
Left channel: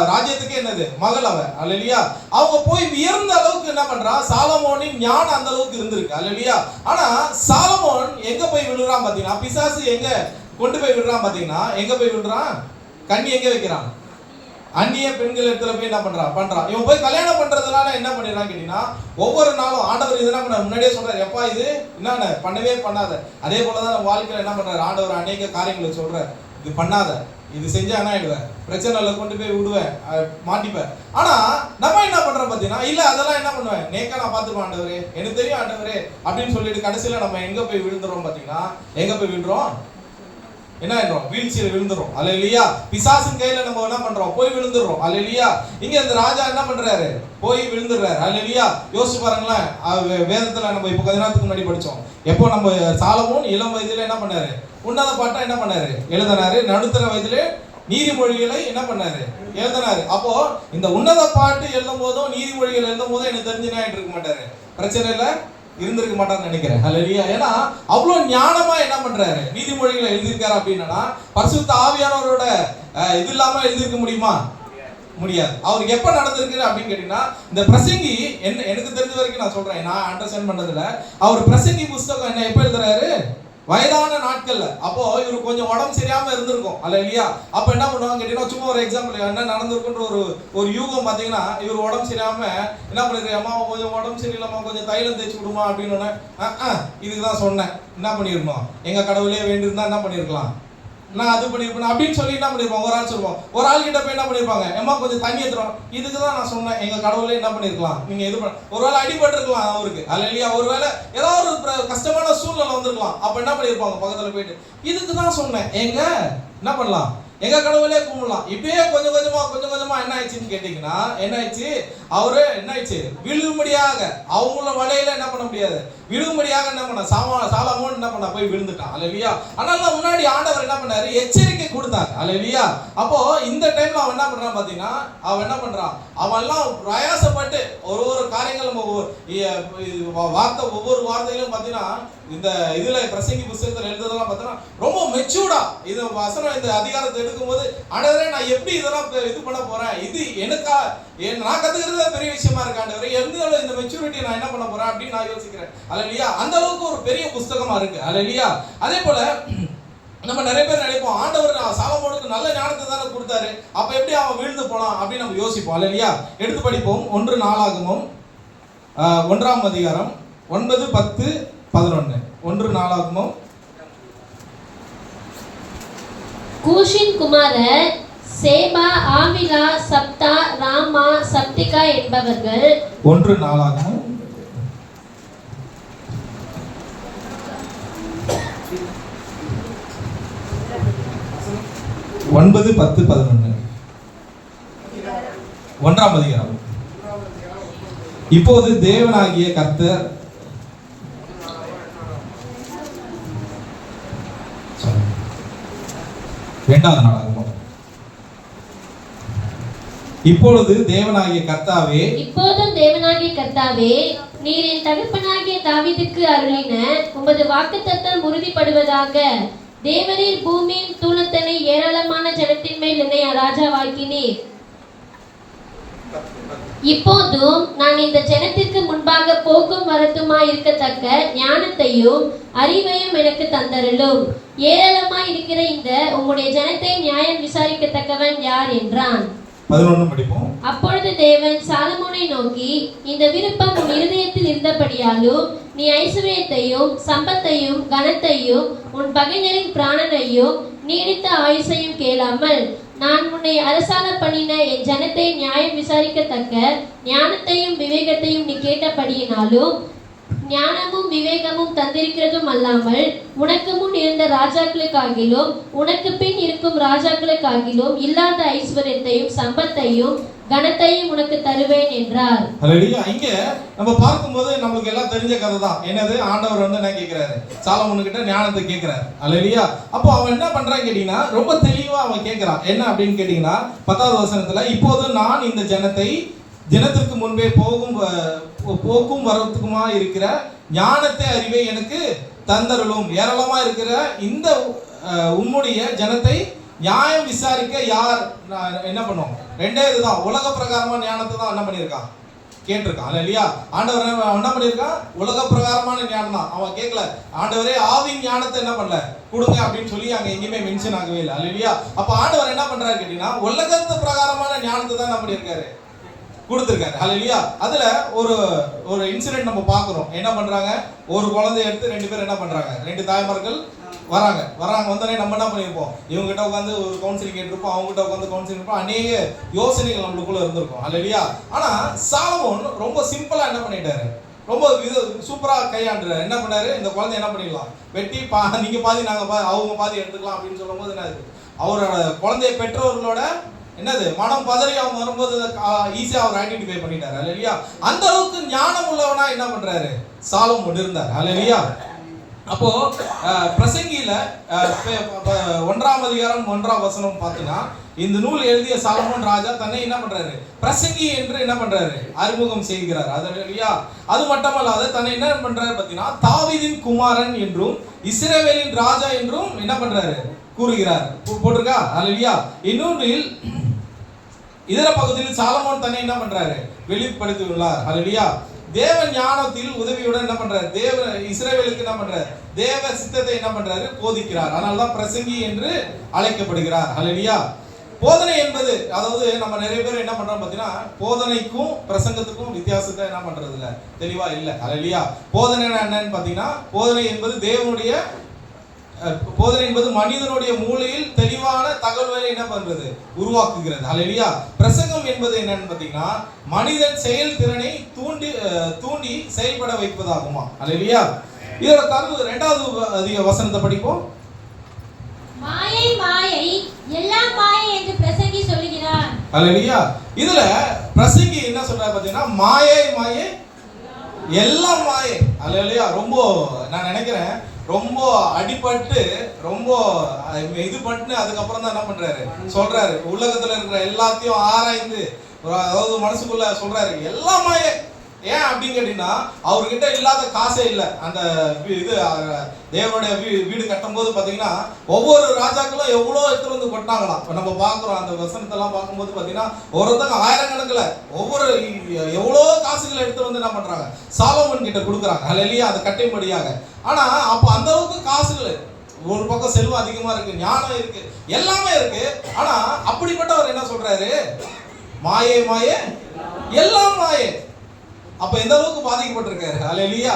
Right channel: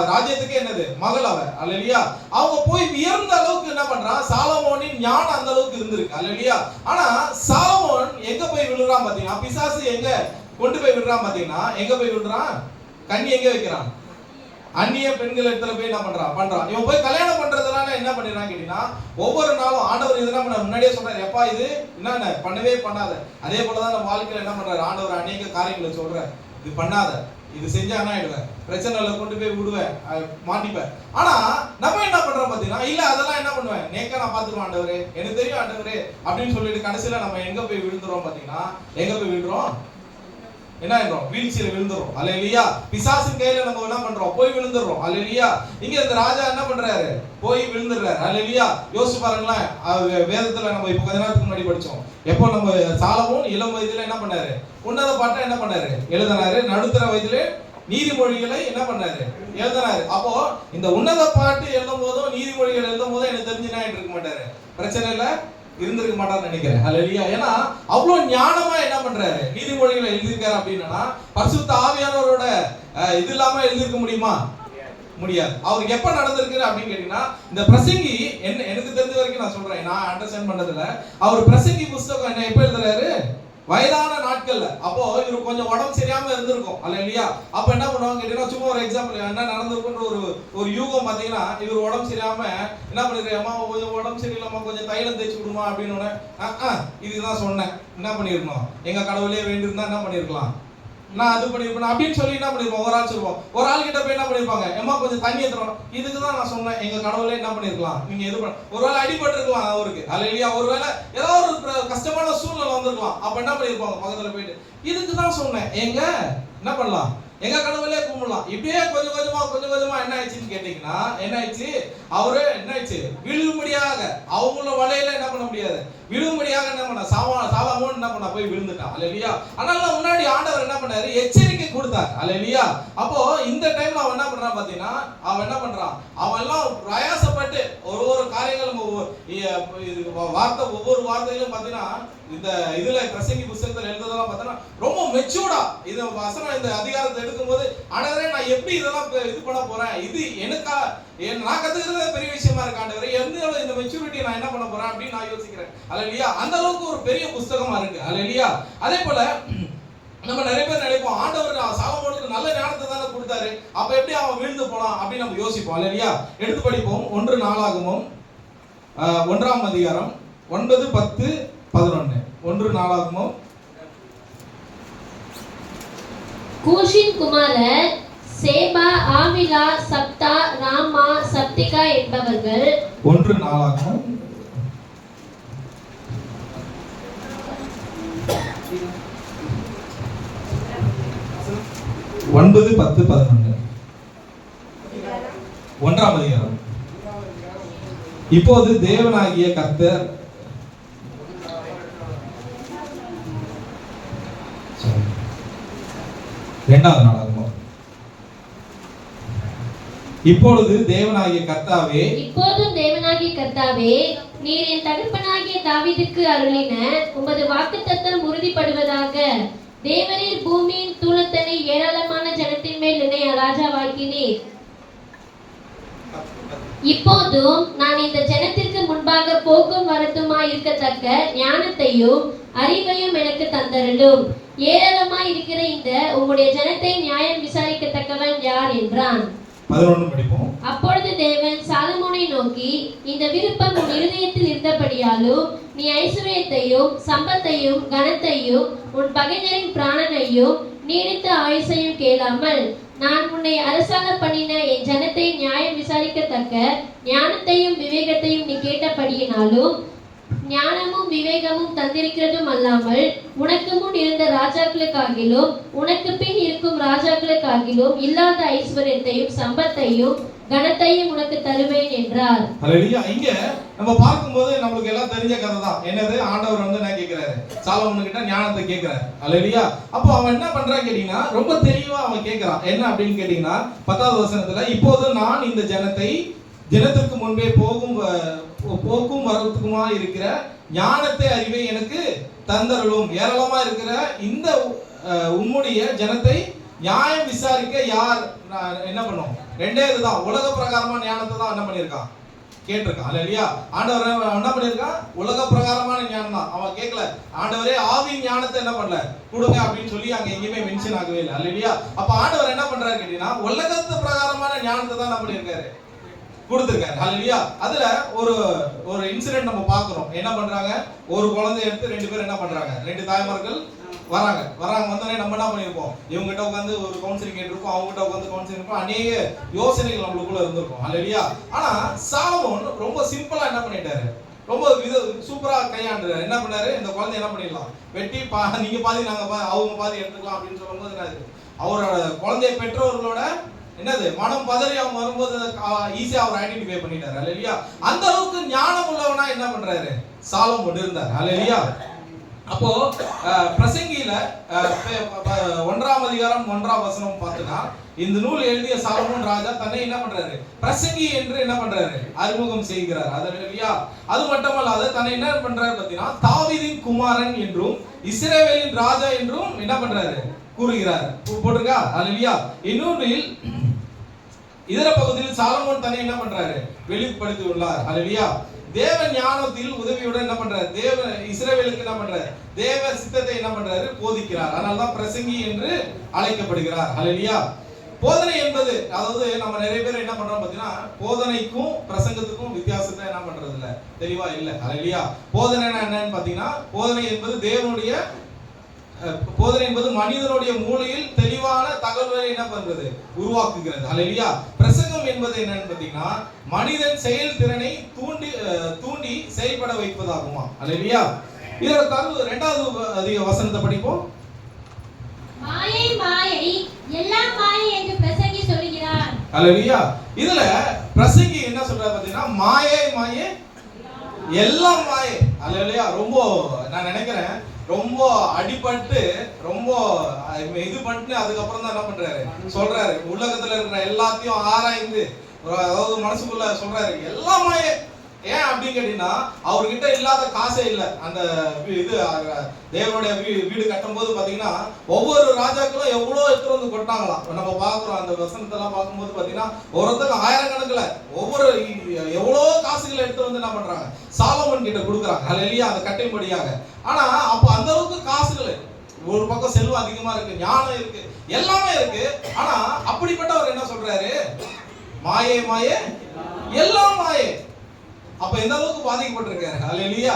ராஜ்யத்துக்கு என்னது மகள் அவ. அல்லேலூயா. அவங்க போய் வியந்த அளவுக்கு என்ன பண்றான், சாலமோனின் ஞானம் அந்த அளவுக்கு இருந்திருக்கு. அல்லேலூயா. ஆனா சாலமோன் எங்க போய் விழுறான் பாத்தீங்கன்னா, பிசாசு எங்க கொண்டு போய் விடுறான் பாத்தீங்கன்னா, எங்க போய் விடுறான், கண்ணி எங்க வைக்கிறான், அந்நிய பெண்கள் இடத்துல போய் என்ன பண்றான். இவன் போய் கல்யாணம் பண்றதுனால என்ன பண்ணிடுறான் கேட்டீங்கன்னா, ஒவ்வொரு நாளும் ஆண்டவர் இதெல்லாம் முன்னாடியே சொல்றாரு, எப்பா இது என்ன பண்ணவே பண்ணாத. அதே போலதான் நம்ம வாழ்க்கையில என்ன பண்றாரு, ஆண்டவர் அநேக காரியங்களை சொல்றாரு, இது பண்ணாத, இது செஞ்சா என்ன ஆயிடுவேன், பிரச்சனைல கொண்டு போய் விடுவேன், மாட்டிப்பேன். ஆனா நம்ம என்ன பண்றோம் பாத்தீங்கன்னா, இல்ல அதெல்லாம் என்ன பண்ணுவேன், நேக்கா நான் பாத்துருவேன் ஆண்டவரே, எனக்கு தெரியும் ஆண்டவரே அப்படின்னு சொல்லிட்டு கடைசியில நம்ம எங்க போய் விழுந்துறோம் பாத்தீங்கன்னா, எங்க போய் விழுறோம், என்ன ஆயிடும், வீழ்ச்சியில விழுந்துரும். அல்லேலூயா. பிசாசின் கையில நம்ம என்ன பண்றோம், போய் விழுந்துறோம். அல்லேலூயா. இங்க இந்த ராஜா என்ன பண்றாரு, போய் விழுந்துறாரு. அல்லேலூயா. யோசிச்சு பாருங்களேன், வேதத்துல நம்ம இப்ப கொஞ்ச நேரத்துக்கு முன்னாடி படிச்சோம், எப்போ நம்ம சாலமோன் இளம் வயதுல என்ன பண்ணாரு, உன்னத பாட்டை என்ன பண்ணாரு, எழுதினாரு. நடுத்தர வயதிலே நீதிமொழிகளை என்ன பண்ணாரு, எழுதினாரு. அப்போ இந்த உன்னத பாட்டு எழுதும் போதும் நீதிமொழிகள் எழுதும் போதும் எனக்கு தெரிஞ்சு என்ன இருக்க மாட்டாரு, பிரச்சனை இல்ல இருந்திருக்க மாட்டான்னு நினைக்கிறேன். ஹல்லேலூயா. ஏன்னா அவ்வளவு ஞானமா என்ன பண்றாரு, நீதிமொழிகளை எழுதியிருக்காரு. அப்படின்னா பரிசுத்த ஆவியானவரோட இது இல்லாம எழுதியிருக்க முடியுமா, முடியாது. அவருக்கு எப்ப நடந்திருக்கு அப்படின்னு கேட்டீங்கன்னா, இந்த பிரசங்கி என்ன எனக்கு தெரிஞ்ச வரைக்கும் நான் சொல்றேன், நான் அண்டர்ஸ்டாண்ட் பண்றதுல, அவர் பிரசங்கி புஸ்தகம் என்ன எப்ப எழுதுறாரு, வயதான நாட்கள்ல. அப்போ இவருக்கு கொஞ்சம் உடம்பு சரியாம இருந்திருக்கும். அல்லேலூயா. அப்ப என்ன பண்ணுவாங்க கேட்டீங்கன்னா, சும்மா ஒரு எக்ஸாம்பிள் என்ன நடந்திருக்குன்ற ஒரு யூகம் பாத்தீங்கன்னா, இவர் உடம்பு சரியாம என்ன பண்ணிருக்க, அம்மா கொஞ்சம் உடம்பு சரியில்லாம கொஞ்சம் தைலம் தேய்ச்சி விடுமா அப்படின்னு இதுதான் சொன்னேன். என்ன பண்ணிருக்கோம், எங்க கடவுளே வேண்டியிருந்தா என்ன பண்ணிருக்கலாம், நான் அது பண்ணிருப்பேன் அப்படின்னு சொல்லி என்ன பண்ணிருப்போம், ஒரு ஆள் சொல்லுவோம். ஒரு ஆள் கிட்ட போய் என்ன பண்ணிருப்பாங்க, அம்மா கொஞ்சம் தண்ணி ஏத்துறோம், இதுக்கு தான் நான் சொன்னேன், எங்க கடவுளே என்ன பண்ணிருக்கலாம், நீங்க இது ஒருவேளை அடிபட்டு இருக்கலாம் அவருக்கு. அல்லேலூயா. ஒருவேளை ஏதாவது ஒரு கஷ்டமான சூழ்நிலை வந்திருக்கலாம். அப்ப என்ன பண்ணிருப்பாங்க, பக்கத்துல போயிட்டு இதுக்கு தான் சொன்னேன், எங்க என்ன பண்ணலாம், எங்க கடவுளே கும்பிடலாம். இப்படியே கொஞ்சம் கொஞ்சமா என்ன ஆயிடுச்சுன்னு கேட்டீங்கன்னா, என்ன ஆயிடுச்சு, அவரு என்ன ஆயிடுச்சு, விழுகும்படியாக அவங்கள வலையில என்ன பண்ண முடியாது, விழுகும்படியாக என்ன பண்ண சாலமோன் என்ன பண்ண போய் விழுந்துட்டான். அல்லேலூயா. அதனால முன்னாடி ஆண்டவர் என்ன பண்ணாரு, எச்சரிக்கை கொடுத்தார். அல்லேலூயா. அப்போ இந்த டைம்ல அவன் என்ன பண்றான் பாத்தீங்கன்னா, அவன் என்ன பண்றான், அவன் எல்லாம் பிரயாசப்பட்டு ஒரு காரியங்கள் வார்த்தை, ஒவ்வொரு வார்த்தையிலும் பாத்தீங்கன்னா, இந்த இதுல பிரசங்கி புத்தகத்துல எழுதுறதெல்லாம் பார்த்தோன்னா ரொம்ப மெச்சூர்டா இது வசனம் இந்த அதிகாரத்தை எடுக்கும்போது, ஆண்டவரே நான் எப்படி இதெல்லாம் இது பண்ண போறேன், இது எனக்கா நான் கத்துக்கிறது பெரிய விஷயமா இருக்கு ஆண்டவரே, இந்த மெச்சூரிட்டியை நான் என்ன பண்ண போறேன் அப்படின்னு நான் யோசிக்கிறேன். அல்லேலூயா. அந்த அளவுக்கு ஒரு பெரிய புத்தகமா இருக்கு. அல்லேலூயா. அதே போல நம்ம நிறைய பேர் நினைப்போம், ஆண்டவர் சாலமோனுக்கு நல்ல ஞானத்தை தானே கொடுத்தாரு, அப்ப எப்படி அவன் வீழ்ந்து போனான் அப்படின்னு நம்ம யோசிப்போம். அல்லேலூயா. எடுத்து படிப்போம். 1 நாளாகமம் 1ஆம் அதிகாரம் 9, 10, 11. 1 நாளாகமம். கூஷின் குமாரர் சேபா, ஆவிலா, சப்தா, ராமா, சப்திகா என்பவர்கள். 1 நாளாகமம் 9, 10, 11. 1ஆம் அதிகாரம். இப்போது தேவனாகிய கர்த்தர் இரண்டாவது நாளாகமம். இப்பொழுது தேவனாகிய கர்த்தாவே, இப்போதும் தேவனாகிய கர்த்தாவே, நீர் என் தகப்பனாகிய தாவீதுக்கு அருளின உமது வாக்குத்தத்தம் உறுதிப்படுவதாக. தேவரீர் பூமியின் தூளத்தனை ஏராளமான ஜனத்தின் மேல் என்னை ராஜாவாக்கினீர். இப்போதும் நான் இந்த ஜனத்திற்கு முன்பாக போக்கும் வரத்துமாய் இருக்கத்தக்க ஞானத்தையும் அறிவையும் எனக்கு தந்தருளும். ஏராளமாய் இருக்கிற இந்த உம்முடைய ஜனத்தை நியாயம் விசாரிக்கத்தக்கவன் யார் என்றான். 11 படிப்போம். அப்பொழுது தேவன் சாலமோனை நோக்கி, இந்த விருப்பம் உன் இருதயத்தில் இருந்தபடியாலும் நீ ஐசுவரியத்தையும் சம்பத்தையும் கனத்தையும் உன் பகைஞரின் பிராணனையும் நீடித்த ஆயுசையும் கேளாமல் நான் உன்னை அரசாண பண்ணின என் ஜனத்தை நியாயம் விசாரிக்கத்தக்க ஞானத்தையும் விவேகத்தையும் நீ கேட்டபடியினாலும் ஞானமும் விவேகமும் தந்திருக்கிறதும் அல்லாமல் உனக்கு முன் இருந்த ராஜாக்களுக்காகிலும் உனக்கு பின் இருக்கும் ராஜாக்களுக்காகிலும் இல்லாத ஐஸ்வர்யத்தையும் சம்பத்தையும் கனத்தையும் உனக்கு தருவேன் என்றார். ஹல்லேலூயா. இங்க நம்ம பார்க்கும்போது நமக்கு எல்லாம் தெரிஞ்ச கதை தான். என்னது, ஆண்டவர் என்ன கேட்கிறாரு, சாலமோன் கிட்ட ஞானத்தை கேட்கிறாரு. ஹல்லேலூயா. அப்போ அவன் என்ன பண்றான்னு கேட்டீங்கன்னா ரொம்ப தெளிவா அவன் கேட்கிறான். என்ன அப்படின்னு கேட்டீங்கன்னா 10வது வசனத்துல, இப்போது நான் இந்த ஜனத்திற்கு முன்பே போக்கும் வரத்துக்குமா இருக்கிற ஞானத்தை அறிவை எனக்கு தந்தருளும். ஏராளமா இருக்கிற இந்த உம்முடைய ஜனத்தை நியாயம் விசாரிக்க யார் என்ன பண்ணும்? ரெண்டே இதுதான், உலக பிரகாரமான ஞானத்தை தான் என்ன பண்ணியிருக்கான், கேட்டிருக்கான். அல்லேலூயா. ஆண்டவர் என்ன பண்ணியிருக்கான்? உலக பிரகாரமான ஞானம் தான் அவன் கேட்கல. ஆண்டவரே ஆவியின் ஞானத்தை என்ன பண்ணல, கொடுங்க அப்படின்னு சொல்லி அங்க எங்கேயுமே மென்ஷன் ஆகவே இல்லை. அல்லேலூயா. அப்ப ஆண்டவர் என்ன பண்றாரு கேட்டீங்கன்னா உலகத்து பிரகாரமான ஞானத்தை தான் என்ன பண்ணியிருக்காரு, கொடுத்திருக்காரு. ஹல்லேலூயா. அதுல ஒரு இன்சிடென்ட் நம்ம பார்க்கிறோம். என்ன பண்றாங்க, ஒரு குழந்தைய எடுத்து 2 பேர் என்ன பண்றாங்க, 2 தாய்மார்கள் வராங்க வந்தோடனே நம்ம என்ன பண்ணிருப்போம், இவங்க கிட்ட உட்காந்து ஒரு கவுன்சிலிங் கேட்டிருப்போம், அவங்க கிட்ட உட்காந்து கவுன்சிலிங் இருப்போம், அநேக யோசனைகள் நம்மளுக்குள்ள இருந்திருக்கும். ஹல்லேலூயா. ஆனா சாலமோன் ரொம்ப சிம்பிளா என்ன பண்ணிட்டாரு, ரொம்ப சூப்பரா கையாண்டுறாரு. என்ன பண்ணாரு, இந்த குழந்தை என்ன பண்ணிடலாம், வெட்டி நீங்க பாதி நாங்க அவங்க பாதி எடுத்துக்கலாம் அப்படின்னு சொல்லும் போது என்னது, அவரோட குழந்தைய பெற்றோர்களோட என்னது மனம் பதறி அவங்க வரும்போது ஈஸியா அவர் ஐடென்டிஃபை பண்ணிட்டாரு. அல்லேலூயா. அந்த அளவுக்கு ஞானம் உள்ளவனா என்ன பண்றாரு, சாலமோன் இருந்தார். அல்லேலூயா. அப்போ பிரசங்கியில 1ஆம் அதிகாரம் 1ஆம் வசனம் பார்த்தீங்கன்னா, இந்த நூல் எழுதிய சாலமோன் ராஜா தன்னை என்ன பண்றாரு, பிரசங்கி என்று என்ன பண்றாரு, அறிமுகம் செய்கிறார். அல்லேலூயா. அது மட்டுமல்லாது தன்னை என்ன பண்றாரு பார்த்தீங்கன்னா, தாவீதின் குமாரன் என்றும் இஸ்ரவேலின் ராஜா என்றும் என்ன பண்றாரு, கூறுகிறார். போட்டிருக்கா? அல்லேலூயா. இன்னொன்றில் இதர பகுதியில் சாலமோன் தன்னை என்ன பண்றாரு, வெளிப்படுத்தி உள்ளார். அல்லேலூயா. தேவ ஞானத்தில் உதவியுடன் என்ன பண்றாரு, இஸ்ரவேலுக்கு என்ன பண்றாரு, தேவ சித்தத்தை என்ன பண்றாரு, போதிக்கிறார். அதனால தான் பிரசங்கி என்று அழைக்கப்படுகிறார். அல்லேலூயா. போதனை என்பது, அதாவது நம்ம நிறைய பேர் என்ன பண்றோம் பார்த்தீங்கன்னா, போதனைக்கும் பிரசங்கத்துக்கும் வித்தியாசத்தை என்ன பண்றது இல்ல, தெளிவா இல்ல. அல்லேலூயா. போதனை என்னன்னு பார்த்தீங்கன்னா, போதனை என்பது மனிதனுடைய மூளையில் தெளிவான தகவல்களை என்ன பண்றது, உருவாக்குகிறது. அல்லேலூயா. பிரசங்கம் என்பது என்னன்னு பார்த்தீங்கன்னா, மனிதன் செயல் திறனை தூண்டி செயல்பட வைப்பதாகுமா. அல்லேலூயா. இதோட தரவு 2வது வசனத்தை படிப்போம். மாயை மாயை எல்லாம் மாயை என்று பிரசங்கி சொல்கிறார். அல்லேலூயா. இதுல பிரசங்கி என்ன சொல்றாரு பார்த்தீங்கன்னா, மாயை மாயை எல்லாம் மாயை. அல்லேலூயா. ரொம்ப நான் நினைக்கிறேன் ரொம்ப அடிபட்டு ரொம்ப இது பண்ணிட்டு அதுக்கப்புறம் தான் என்ன பண்றாரு, சொல்றாரு உலகத்துல இருக்கிற எல்லாத்தையும் ஆராய்ந்து, அதாவது மனசுக்குள்ள சொல்றாரு எல்லாமே. ஏன் அப்படின்னு கேட்டீங்கன்னா, அவர்கிட்ட இல்லாத காசே இல்லை. அந்த இது தேவனுடைய வீடு கட்டும் போது பாத்தீங்கன்னா ஒவ்வொரு ராஜாக்களும் எவ்வளவு எடுத்து வந்து கொட்டாங்களாம். நம்ம பாக்குறோம் அந்த வசனத்தெல்லாம் பார்க்கும்போது பாத்தீங்கன்னா ஒருத்தங்க ஆயிரக்கணக்கில் ஒவ்வொரு எவ்வளோ காசுகளை எடுத்து வந்து என்ன பண்றாங்க, சாலமோன் கிட்ட கொடுக்குறாங்க. அல்லேலூயா. அந்த கட்டைப்படியாக. ஆனா அப்போ அந்த அளவுக்கு காசுகள், ஒரு பக்கம் செல்வம் அதிகமா இருக்கு, ஞானம் இருக்கு, எல்லாமே இருக்கு. ஆனா அப்படிப்பட்டவர் என்ன சொல்றாரு, மாயே மாயே எல்லாம் மாயே. அப்ப எந்த அளவுக்கு பாதிக்கப்பட்டிருக்காரு. அல்லேலூயா.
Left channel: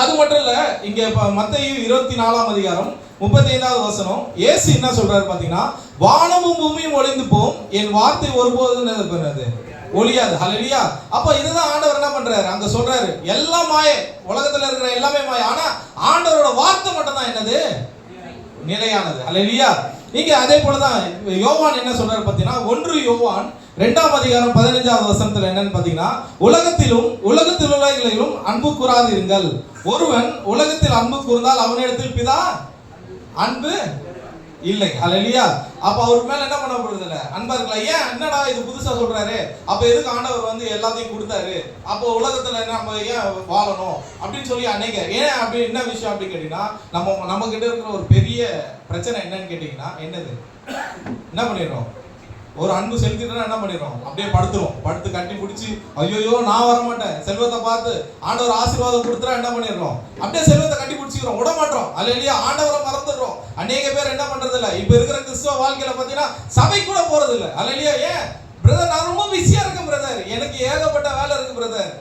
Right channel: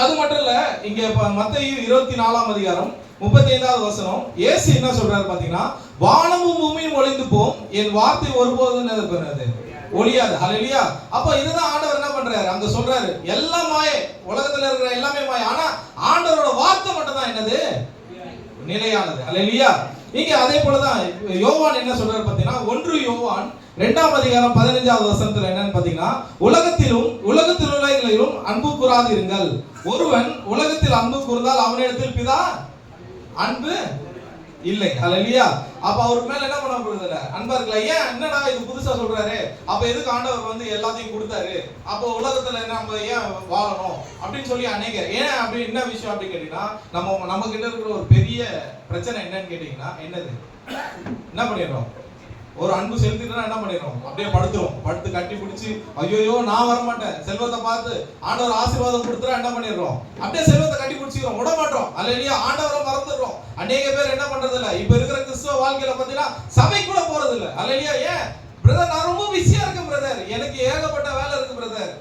அது மட்டும் இல்ல, இங்க மத்தேயு 24ஆம் அதிகாரம் 35வது வசனம் இயேசு என்ன சொல்றாரு பாத்தீங்கன்னா, வானமும் பூமியும் ஒளிந்து போம், என் வார்த்தை ஒருபோதும் இருக்கிறது ஒளியாது. அல்லேலூயா. அப்ப இதுதான் ஆண்டவர் என்ன பண்றாரு, அங்க சொல்றாரு எல்லாம் மாயை, உலகத்துல இருக்கிற எல்லாமே மாயை. ஆனா ஆண்டவரோட வார்த்தை மட்டும் தான் என்னது, நிலையானது. அல்லேலூயா. இங்க அதே போலதான் யோவான் என்ன சொல்றாரு பாத்தீங்கன்னா, 1 யோவான் 2ஆம் அதிகாரம் 15வது வசனத்துல என்னன்னு பாத்தீங்கன்னா, உலகத்திலும் அன்பு கூறாதிருங்கள். ஒருவன் உலகத்தில் அன்பு கூர்ந்தால் அவனிடத்தில் பிதா அன்பு இல்லை. ஹல்லேலூயா. அப்ப அவருக்கு மேல என்ன பண்ண போறது இல்ல, அன்பா இருக்கலாம். ஏன் என்னடா இது புதுசா சொல்றாரு, அப்ப எதுக்கு ஆண்டவர் வந்து எல்லாத்தையும் கொடுத்தாரு, அப்போ உலகத்துல நம்ம ஏன் வாழணும் அப்படின்னு சொல்லி அநேக ஏன் அப்படி என்ன விஷயம் அப்படின்னு கேட்டீங்கன்னா, நம்ம கிட்ட இருக்கிற ஒரு பெரிய பிரச்சனை என்னன்னு கேட்டீங்கன்னா, என்னது என்ன பண்ணிடுறோம், ஒரு அன்பு செலுத்திட்டு என்ன பண்ணிடுறோம், அப்படியே படுத்து கட்டி பிடிச்சி ஐயோ நான் வர மாட்டேன், செல்வத்தை பார்த்து ஆண்டவர் ஆசீர்வாதம் கொடுத்துறா என்ன பண்ணிடுறோம், அப்படியே செல்வத்தை கட்டி பிடிச்சிக்கிறோம், விட மாட்டோம். அல்லேலூயா. ஆண்டவரை மறந்துடுறோம். அநேக பேர் என்ன பண்றது இல்ல, இப்ப இருக்கிற கிறிஸ்துவ வாழ்க்கையில பாத்தீங்கன்னா சபை கூட போறது இல்ல. அல்லேலூயா. ஏன் பிரதர், நான் ரொம்ப பிஸியா இருக்கேன் பிரதர், எனக்கு ஏகப்பட்ட வேலை இருக்கு பிரதர்.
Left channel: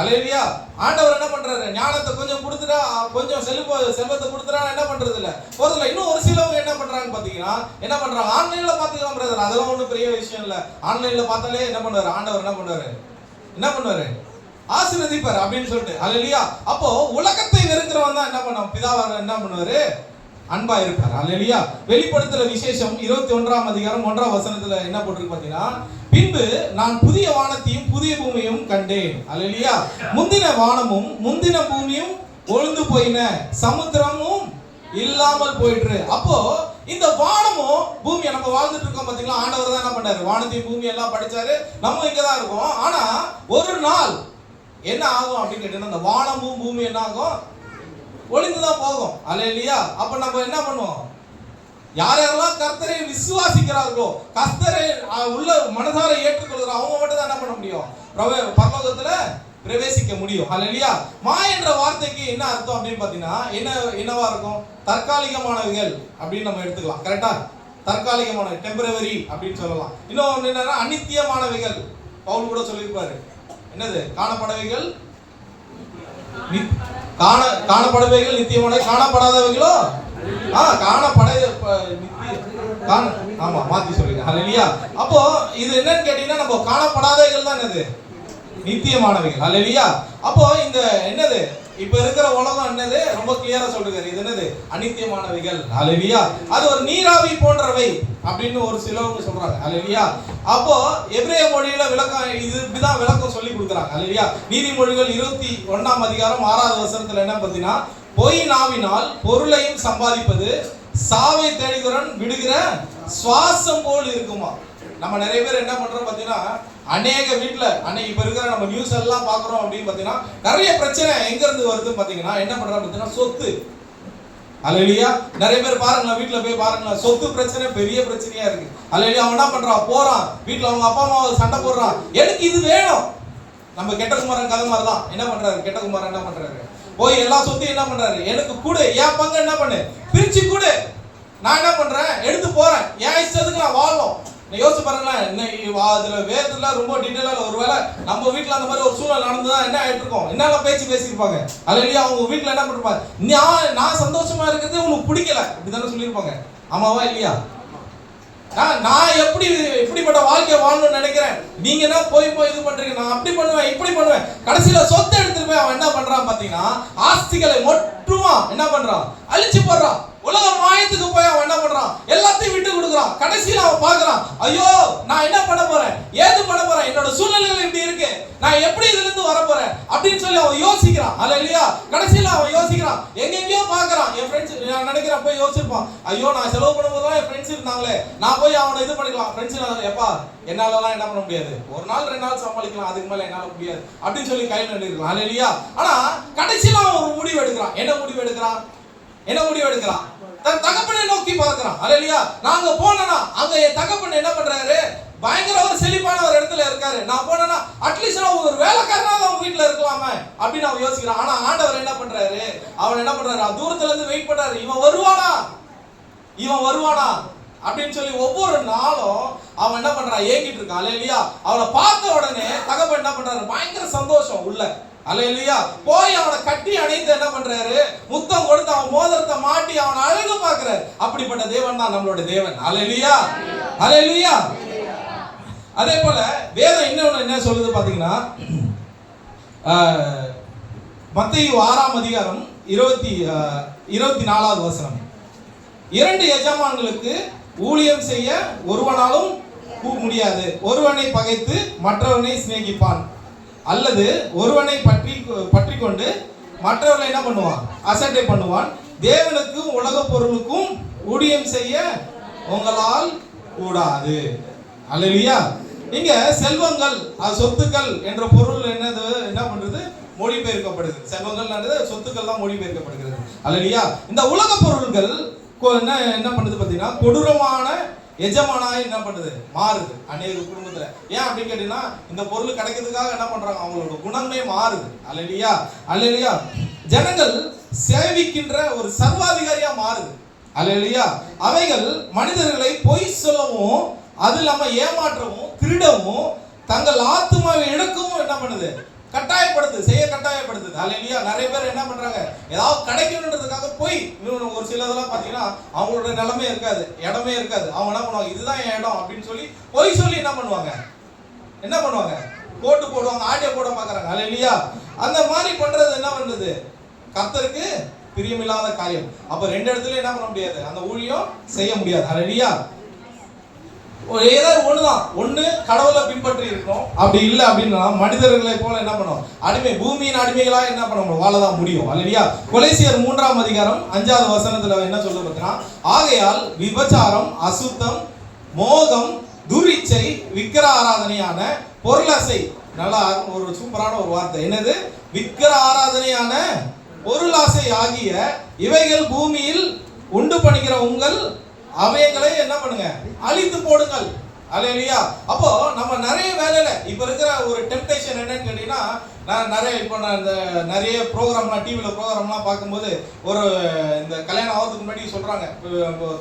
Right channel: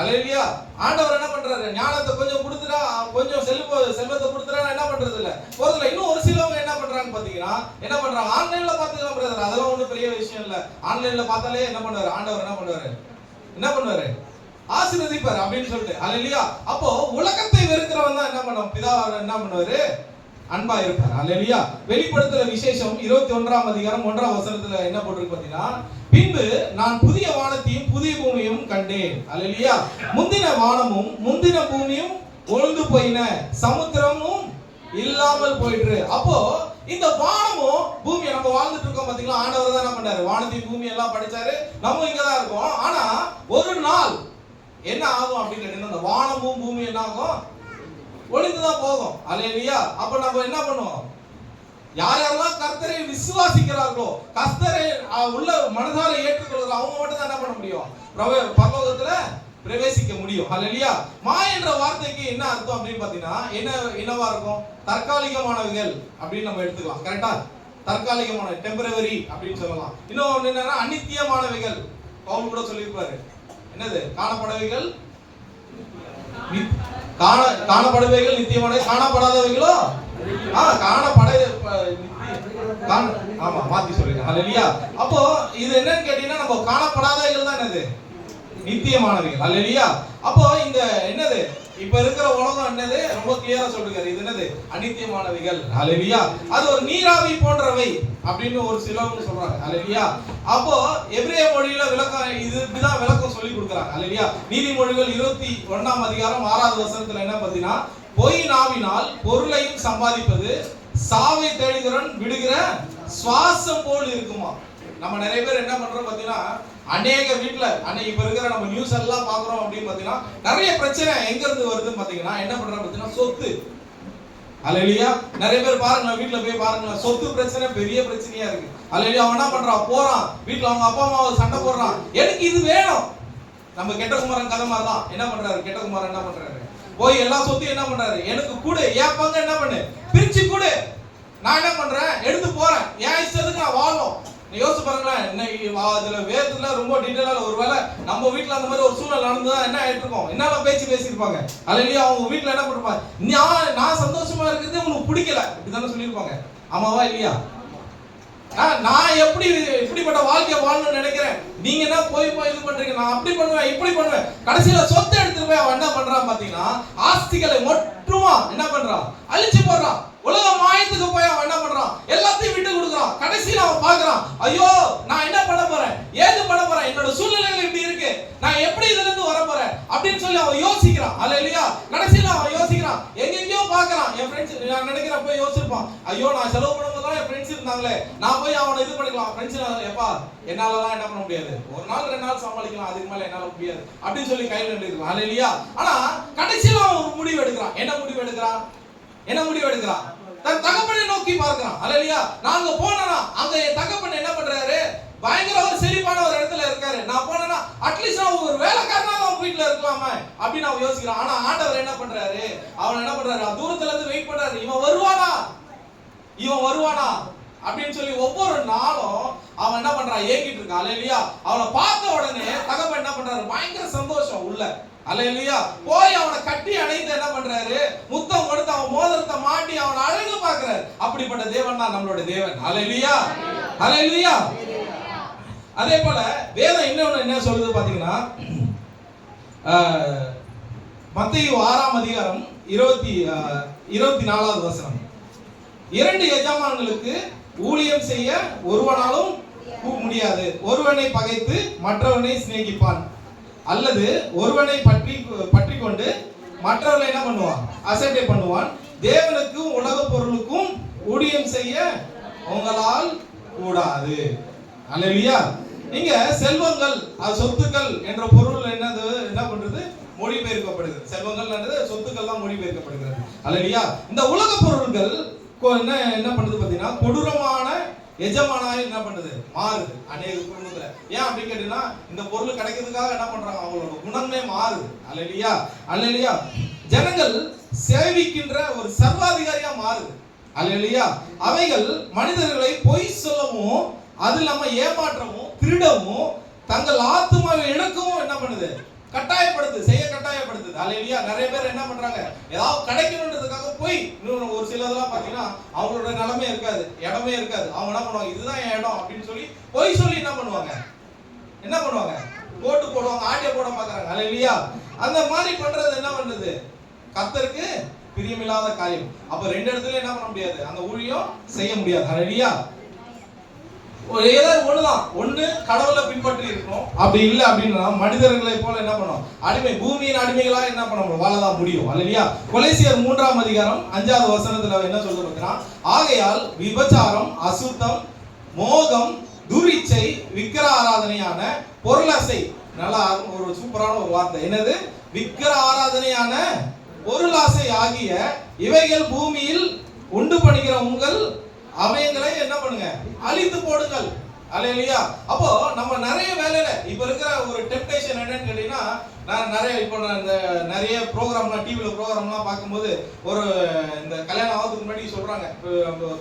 அல்லேலூயா. ஆண்டவர் என்ன பண்றாரு, ஞானத்தை கொஞ்சம் கொடுத்துட்டா, கொஞ்சம் செல்வத்தை கொடுத்துட்டா என்ன பண்றது இல்ல, போறது இல்ல. இன்னும் ஒரு சிலவங்க என்ன பண்றாங்க பாத்தீங்கன்னா, என்ன பண்றாங்க, ஆன்லைன்ல பாத்தீங்கன்னா பிரதர், அதெல்லாம் ஒண்ணும் பெரிய விஷயம் இல்ல, ஆன்லைன்ல பார்த்தாலே என்ன பண்றாரு, ஆண்டவர் என்ன பண்ணுவாரு ஆசீர்வதிப்பார் அப்படின்னு சொல்லிட்டு. அல்லேலூயா. அப்போ உலகத்தை வெறுக்கிறவன் தான் என்ன பண்ணும், பிதாவாக என்ன பண்ணுவாரு, அன்பா இருப்பார். அல்லேலூயா. வெளிப்படுத்துற விசேஷம் 21ஆம் அதிகாரம் 1ஆம் வசனத்துல என்ன போட்டிருக்கு பாத்தீங்கன்னா, பின்பு நான் புதிய வானத்தையும் புதிய பூமியும் கண்டேன். அல்லேலூயா. முந்தின வானமும் முந்தின பூமியும் ஒழிந்து போயின, சமுத்திரமும் இல்லாமல் போயிட்டு. அப்போ இந்த வானமும் பூமியை நம்ம வாழ்ந்துட்டு இருக்கோம் பாத்தீங்களா, ஆண்டவர் தான் என்ன பண்ணாரு, வானத்தையும் பூமி எல்லாம் படிச்சாரு, நம்ம இங்கதான் இருக்கோம். ஆனா ஒரு நாள் என்ன ஆகும் அப்படின்னு கேட்டீங்கன்னா, இந்த வானமும் பூமி என்ன ஆகும், ஒளிந்துதான் போகும். அல்லேலூயா. அப்ப நம்ம என்ன பண்ணுவோம், யார் யாரெல்லாம் கர்த்தரை விசுவாசிக்கிறார்களோ, கர்த்தரை உள்ள மனதார ஏற்றுக்கொள்கிறார், அவங்க மட்டும் தான் என்ன பண்ண முடியும், பரலோகத்துல பிரவேசிக்க முடியும். அல்லேலூயா. என்ற வார்த்தைக்கு என்ன அர்த்தம் அப்படின்னு பாத்தீங்கன்னா, என்னவா இருக்கும், தற்காலிகமானவைகள் அப்படின்னு நம்ம எடுத்துக்கலாம். கரெக்டா, தற்காலிகமான டெம்பரவரி அப்படின்னு சொல்லலாம். இன்னொன்னு என்னன்னா அநித்தியமானவைகள், பவுல் கூட சொல்லியிருப்பாரு, என்னது, காணப்படவைகள் காணப்படுவைகள் நித்தியமான, காணப்படாதவைகளோ ஆமா மாத்தி சொல்லுங்க. அல்லேலூயா. அப்போ இது என்னன்னு கேட்டீங்கன்னா, நம்ம காணப்படாதவைகள் தான் என்னது, நித்தியமானவைகள். அல்லேலூயா. அப்போ இந்த என்னது, இப்ப இருக்கிற உலகம் என்னது, ரொம்ப கிளியரா சொல்றாரு, இது என்னது, அநித்தியமானவைகள். அல்லேலூயா. அது ஒரு நீராவி போன்றவை அப்படின்னு ஒரு சிலவங்க சொல்றாங்க. அல்லேலூயா. அப்போ எபிரேய மொழியில விளக்கம் இது இப்படிதான் விளக்கம் சொல்லி கொடுக்குறாங்க. அல்லேலூயா. நீதிமொழிகள் 21ஆம் அதிகாரம் 6வது வசனத்துல என்ன பாத்தீங்கன்னா, பொய் நாவினால் பொருளையும் சம்பாதிப்பது சாவை தேடுகிறவன் விடுகிற சுவாசம் போல் இருக்குமா. நம்ம நிறைய பேர் என்ன பண்றோம் பாத்தீங்கன்னா, அநேக வீட்டுல இப்ப இருக்கிற நம்ம நியூஸ் எல்லாம் பாக்குறோம் அப்படின்னு பாத்தீங்கன்னா, நிறைய பிரச்சனை எங்க இருந்து வருதுன்னு பாத்தீங்கன்னா, என்ன பண்றோம் பாத்தீங்கன்னா, சொத்து. அல்லேலூயா. நிறைய பேர் பாருங்க, வீட்டுல போய் பாருங்க, சொத்து பிரச்சனை பெரிய பிரச்சனையா இருக்கு. அல்லேலூயா. அவன் என்ன பண்றான், போறான் வீட்டுல அவங்க அப்பா அம்மா சண்டை போடுறான், எனக்கு இது வேணும். நம்ம கெட்ட குமாரன் கதை மாதிரிதான். என்ன பண்றாரு கெட்ட குமாரன், என்ன பண்றாரு, போய் எல்லா சொத்தையும் என்ன பண்றாரு, எனக்கு கூட என் பங்கு என்ன பண்ணு, பிரிச்சு கூட, நான் என்ன பண்றேன், எடுத்து போறேன், என் இஷ்டத்துக்கு நான் வாழணும். யோசிச்சு பாருங்களேன், அதுல வேதத்துல ரொம்ப டீட்டெயிலா, ஒருவேளை நம்ம வீட்டுல அந்த மாதிரி ஒரு சூழல் நடந்துதான் என்ன ஆயிட்டு இருக்கோம், என்னெல்லாம் பேசியிருப்பாங்க. அல்லேலூயா. அவங்க வீட்டுல என்ன பண்ணிருப்பாங்க, நான் சந்தோஷமா இருக்கிறதே உனக்கு பிடிக்கல, இப்படிதானே சொல்லியிருப்பாங்க. ஆமாவா இல்லையா? நான் இப்படிப்பட்ட வாழ்க்கையை வாழணும்னு நினைக்கிறேன், நீங்க என்ன போய் இது பண்றீங்க, நான் அப்படி பண்ணுவேன் இப்படி பண்ணுவேன். கடைசியில சொத்தை எடுத்துட்டு போய் அவன் என்ன பண்றான் பாத்தீங்கன்னா, ஆஸ்திகளை மொத்தமா என்ன பண்றான், அழிச்சு போடுறான். உலக மாயத்துக்கு போய் அவன் என்ன பண்றான், எல்லாத்தையும் விட்டு கொடுக்குறான். கடைசியில அவன் பாக்குறான், ஐயோ நான் என்ன பண்ண போறேன், ஏது பண்ண போறேன், என்னோட சூழ்நிலைகள் இப்படி இருக்கு, நான் எப்படி இதுல இருந்து வர போறேன் அப்படின்னு சொல்லி அவன் யோசிக்கிறான். அல்லேலூயா. கடைசியில அவன் யோசிக்கிறான், எங்கெங்கயோ பாக்குறான். என் ஃப்ரெண்ட்ஸ் நான் நினைக்கிறேன் போய் யோசிப்பான், ஐயோ நான் செலவு பண்ணும்போது என் ஃப்ரெண்ட்ஸ் இருந்தாங்களே, நான் போய் அவனை இது பண்ணிக்கலாம். ஃப்ரெண்ட்ஸ் எப்பா என்னாலலாம் என்ன பண்ண முடியாது, ஒரு நாள் 2 நாள் சமாளிக்கலாம், அதுக்கு மேல என்னால முடியாது அப்படின்னு சொல்லி கையில் நின்றுக்கலாம். அல்லேலூயா. ஆனா கடைசியில அவன் ஒரு முடிவு எடுக்கிறான். என்ன முடிவு எடுக்கிறான், தன் தகப்பனை நோக்கி பார்க்கிறான். அல்லேலூயா. நாங்க போனோம்னா அங்க என் தகப்பன் என்ன பண்றாரு, பயங்கர ஒரு செழிப்பான ஒரு இடத்துல இருக்காரு, நான் போனேன்னா அட்லீஸ்ட் நான் ஒரு வேலைக்காரனா அவங்க வீட்டுல இருக்கலாமே அப்படின்னு அவன் யோசிக்கிறான். ஆனா ஆண்டவர் என்ன பண்றாரு, அவன் என்ன பண்றாரு, தூரத்துல இருந்து வெயிட் பண்றாரு, இவன் வருவானா அப்படின்னு சொல்லி ஒவ்வொரு நாளும் அவன் என்ன பண்றான், ஏங்கிட்டு இருக்கான். அல்லேலூயா. அவளை பார்த்த உடனே தகப்பன் என்ன பண்றாரு, பயங்கர சந்தோஷம் உள்ள. அல்லேலூயா. போய் அவனை கட்டி அணைத்து என்ன பண்றாரு, முத்தம் கொடுத்து அவன் மோதிரத்தை மாட்டி அவனை அழகு பார்க்கிறாரு. அப்படிப்பட்ட தேவன் தான் நம்மளோட தேவன். அல்லேலூயா. அல்லேலூயா. அதே போல வேதம் இன்னொன்னு என்ன சொல்லுது பாத்தீங்கன்னா, மத்தேயு 6ஆம் அதிகாரம் 24வது வசனம், 2 எஜமான்களுக்கு ஊழியம் செய்ய ஒருவனாலும் முடியாது, ஒருவனை பகைத்து மற்றவனை சிநேகிப்பான், அல்லது ஒருவனை பற்றி கொண்டு மற்றவர்களை என்ன பண்ணுவான், அசட்டை பண்ணுவான். தேவனுக்கும் உலக பொருளுக்கும் ஊழியம் செய்ய உங்களால் கூடாது. அல்லேலூயா. இங்க செல்வங்கள், சொத்துக்கள் என்ற பொருள் என்னது, என்ன பண்றது, மொழிபெயர்க்கப்படுது. செல்வங்கள் சொத்துக்கள் தான் மொழிபெயர்க்கப்படுகிறது. அல்லேலூயா. இந்த உலக பொருள்கள் என்ன பண்ணுது பாத்தீங்கன்னா, கொடூரமான எஜமானாய் என்ன பண்ணுது, மாறுது அநேக குடும்பத்துல. ஏன் அப்படின்னு கேட்டீங்கன்னா, இந்த பொருள் கிடைக்கிறதுக்காக என்ன பண்றாங்க, அவங்களோட குணமே மாறுது. அல்லேலூயா, அல்லேலூயா. ஜனங்கள் சேவிக்கின்ற ஒரு சர்வாதிகாரியா மாறுது. அல்லேலூயா. அவைகள் மனிதர்களை பொய் சொல்லவும், அது இல்லாம ஏமாற்றவும், திருடவும், தங்கள் ஆத்துமாவை இழக்கவும் என்ன பண்ணுது, கட்டாயப்படுத்து, செய்ய கட்டாயப்படுத்துது. அல்லேலூயா. நிறைய பேர் என்ன பண்றாங்க, ஏதாவது கிடைக்கணுன்றதுக்காக போய், இன்னும் ஒரு சிலதெல்லாம் பாத்தீங்கன்னா அவங்களோட நிலமே இருக்காது, இடமே இருக்காது, அவங்க என்ன பண்ணுவாங்க, இதுதான் என் இடம் அப்படின்னு சொல்லி போய் சொல்லி என்ன பண்ணுவாங்க, போட்டு போடுவாங்க, ஆடியோ போட பாக்குறாங்க. அல்லேலூயா. அந்த மாதிரி பண்றது என்ன பண்ணுது, கர்த்தருக்கு பிரியமில்லாத காரியம். அப்ப ரெண்டு இடத்துல என்ன பண்ண முடியாது, அந்த ஊழியம் செய்ய முடியாது. அல்லேலூயா. ஏதாவது ஒண்ணுதான், ஒண்ணு கடவுளை பின்பற்றி இருக்கணும், அப்படி இல்லை அப்படின்னா மனிதர்களை போல என்ன பண்ணும், அடிமை, பூமியின் அடிமைகளா என்ன பண்ண முடியும், வாழதான் முடியும். அல்லேலூயா. கொலேசியர் 3ஆம் அதிகாரம் 5வது வசனத்துல என்ன சொல்லுது பார்த்தீங்கன்னா, ஆகையால் விபச்சாரம், அசுத்தம், மோகம், துரிச்சை, விக்கிர ஆராதனையான பொருளாசை, நல்லா ஒரு சூப்பரான ஒரு வார்த்தை, என்னது, விக்கிர ஆராதனையான பொருளாசை ஆகிய இவைகள் பூமியில் உண்டு பண்ணுகிற உங்கள் அவயங்களை என்ன பண்ணுங்க, அழித்து போடுங்கள். அல்லேலூயா. அப்போ நம்ம நிறைய வேலையில இப்ப இருக்கிற ஒரு டெம்ப்டேஷன் என்னன்னு கேட்டீங்கன்னா, நான் நிறைய இப்போ இந்த நிறைய ப்ரோக்ராம்லாம் டிவியில ப்ரோக்ராம்லாம் பார்க்கும்போது, ஒரு இந்த கல்யாணம் ஆகிறதுக்கு முன்னாடி சொல்றாங்க,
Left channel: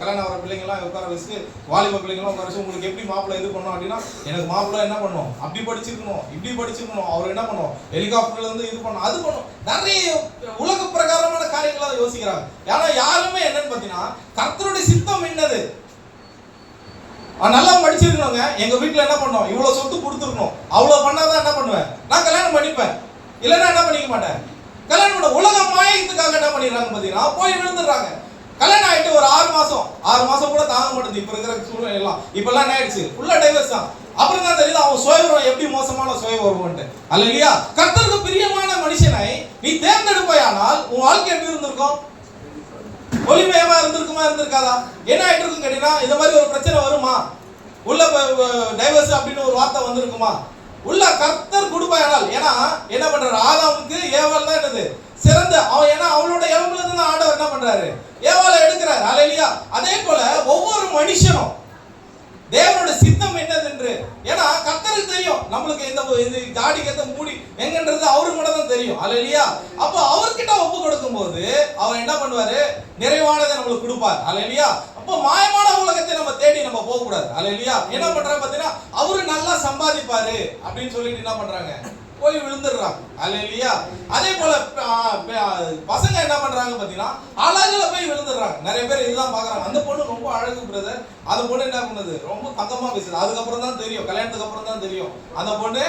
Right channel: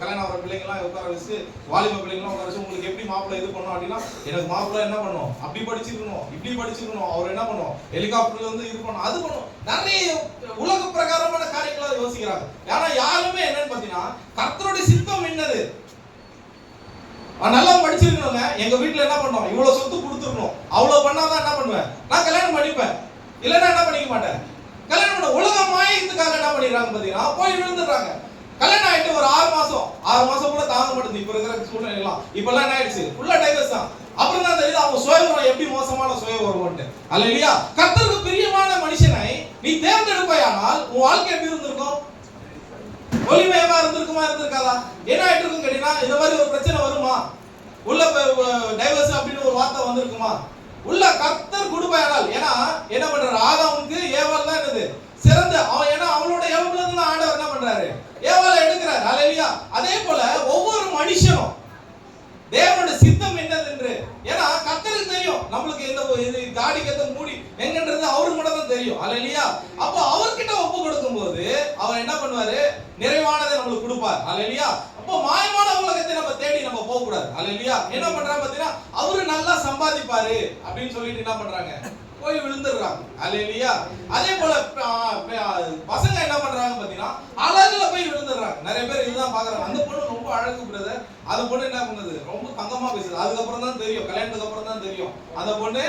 கல்யாணம் ஆகிற பிள்ளைங்கலாம் உட்கார வச்சு, வாலிப பிள்ளைங்களாம் உட்கார வச்சு, உங்களுக்கு எப்படி மாப்பிள்ளை இது பண்ணணும் அப்படின்னா, எனக்கு மாப்பிள்ளை என்ன பண்ணணும், அப்படி படிச்சிருக்கணும், இப்படி படிச்சிருக்கணும், அவர் என்ன பண்ணும், ஹெலிகாப்டர்ல இருந்து இது பண்ணணும், அது பண்ணும், நிறைய உலக பிரகாரமான காரியங்களை யோசிக்கிறாங்க. ஆனா யாருமே என்னன்னு பாத்தீங்கன்னா, கர்த்தருடைய சித்தம் என்னது, நல்லா படிச்சிருக்கணுங்க, எங்க வீட்டுல என்ன பண்ணோம், இவ்வளவு சொத்து கொடுத்துருக்கணும், அவ்வளவு பண்ணாதான் என்ன பண்ணுவேன், நான் கல்யாணம் பண்ணிப்பேன், இல்லைன்னா என்ன பண்ணிக்க மாட்டேன். கல்யாணம் பண்ண உலக மாயத்துக்காக என்ன பண்ணிடுறாங்க பாத்தீங்கன்னா, போய் விழுந்துடுறாங்க. கல்யாணம் ஆயிட்டு ஒரு 6 மாசம் கூட தாங்க மாட்டேங்குது இப்ப இருக்கிற சூழ்நிலை எல்லாம். இப்ப எல்லாம் என்ன ஆயிடுச்சு, ஃபுல்லா டைவர்ஸ் தான். அப்புறம் தான் தெரியுது அவன் சுயவரம் எப்படி மோசமான சுயவரம்ட்டு. அல்லேலூயா. கர்த்தருக்கு பிரியமான மனுஷனை நீ தேர்ந்தெடுப்பாயானால் உன் வாழ்க்கை எப்படி இருந்திருக்கும், ஒளிமயமா இருந்திருக்குமா, இருந்திருக்காதா? என்ன ஆயிட்டு இருக்கும் கேட்டீங்கன்னா, இந்த மாதிரி ஒரு பிரச்சனை வருமா, உள்ள டைவர்ஸ் அப்படின்னு ஒரு வார்த்தை வந்திருக்குமா, உள்ள கர்த்தர் கொடுப்பாயானால். ஏன்னா என்ன பண்றாரு, ஆதாமுக்கு ஏவாள் தான் என்னது சிறந்த அவன், ஏன்னா அவளோட எவம்ல இருந்து ஆண்டவர் என்ன பண்றாரு, ஏவாளை எடுக்கிறார். அல்லேலூயா. அதே போல ஒவ்வொரு மனுஷனும் தேவனுடைய சித்தம் என்னது என்று, ஏன்னா கர்த்தருக்கு தெரியும் நம்மளுக்கு இந்த தாடிக்கு எந்த மூடி எங்கன்றது அவருக்கு மட்டும் தான் தெரியும். அல்லேலூயா. அப்ப அவர்கிட்ட ஒப்பு கொடுக்கும் போது அவர் என்ன பண்ணுவாரு, நிறைவானதை நம்மளுக்கு கொடுப்பார். அல்லேலூயா. அப்போ மாயமான உலகத்தை நம்ம தேடி நம்ம போக கூடாது. அல்லேலூயா. என்ன பண்றாங்க பாத்தீங்கன்னா, அவரு நல்லா சம்பாதிப்பாரு அப்படின்னு சொல்லிட்டு என்ன பண்றாங்க, போய் விழுந்துடுறாங்க. அல்லேலூயா. அதே போல பசங்க என்ன பண்றாங்க பாத்தீங்கன்னா, அழகுல போய் விழுந்துடுறாங்க. நிறைய பேர் இதுதான் பாக்குறாங்க, அந்த பொண்ணு ரொம்ப அழகு பிரதர், அந்த பொண்ணு என்ன பண்ணுது, ரொம்ப தங்கமா பேசுது, அதுக்கப்புறம் தான் தெரியும், கல்யாணத்துக்கு அப்புறம் தான் தெரியும் அந்த பொண்ணு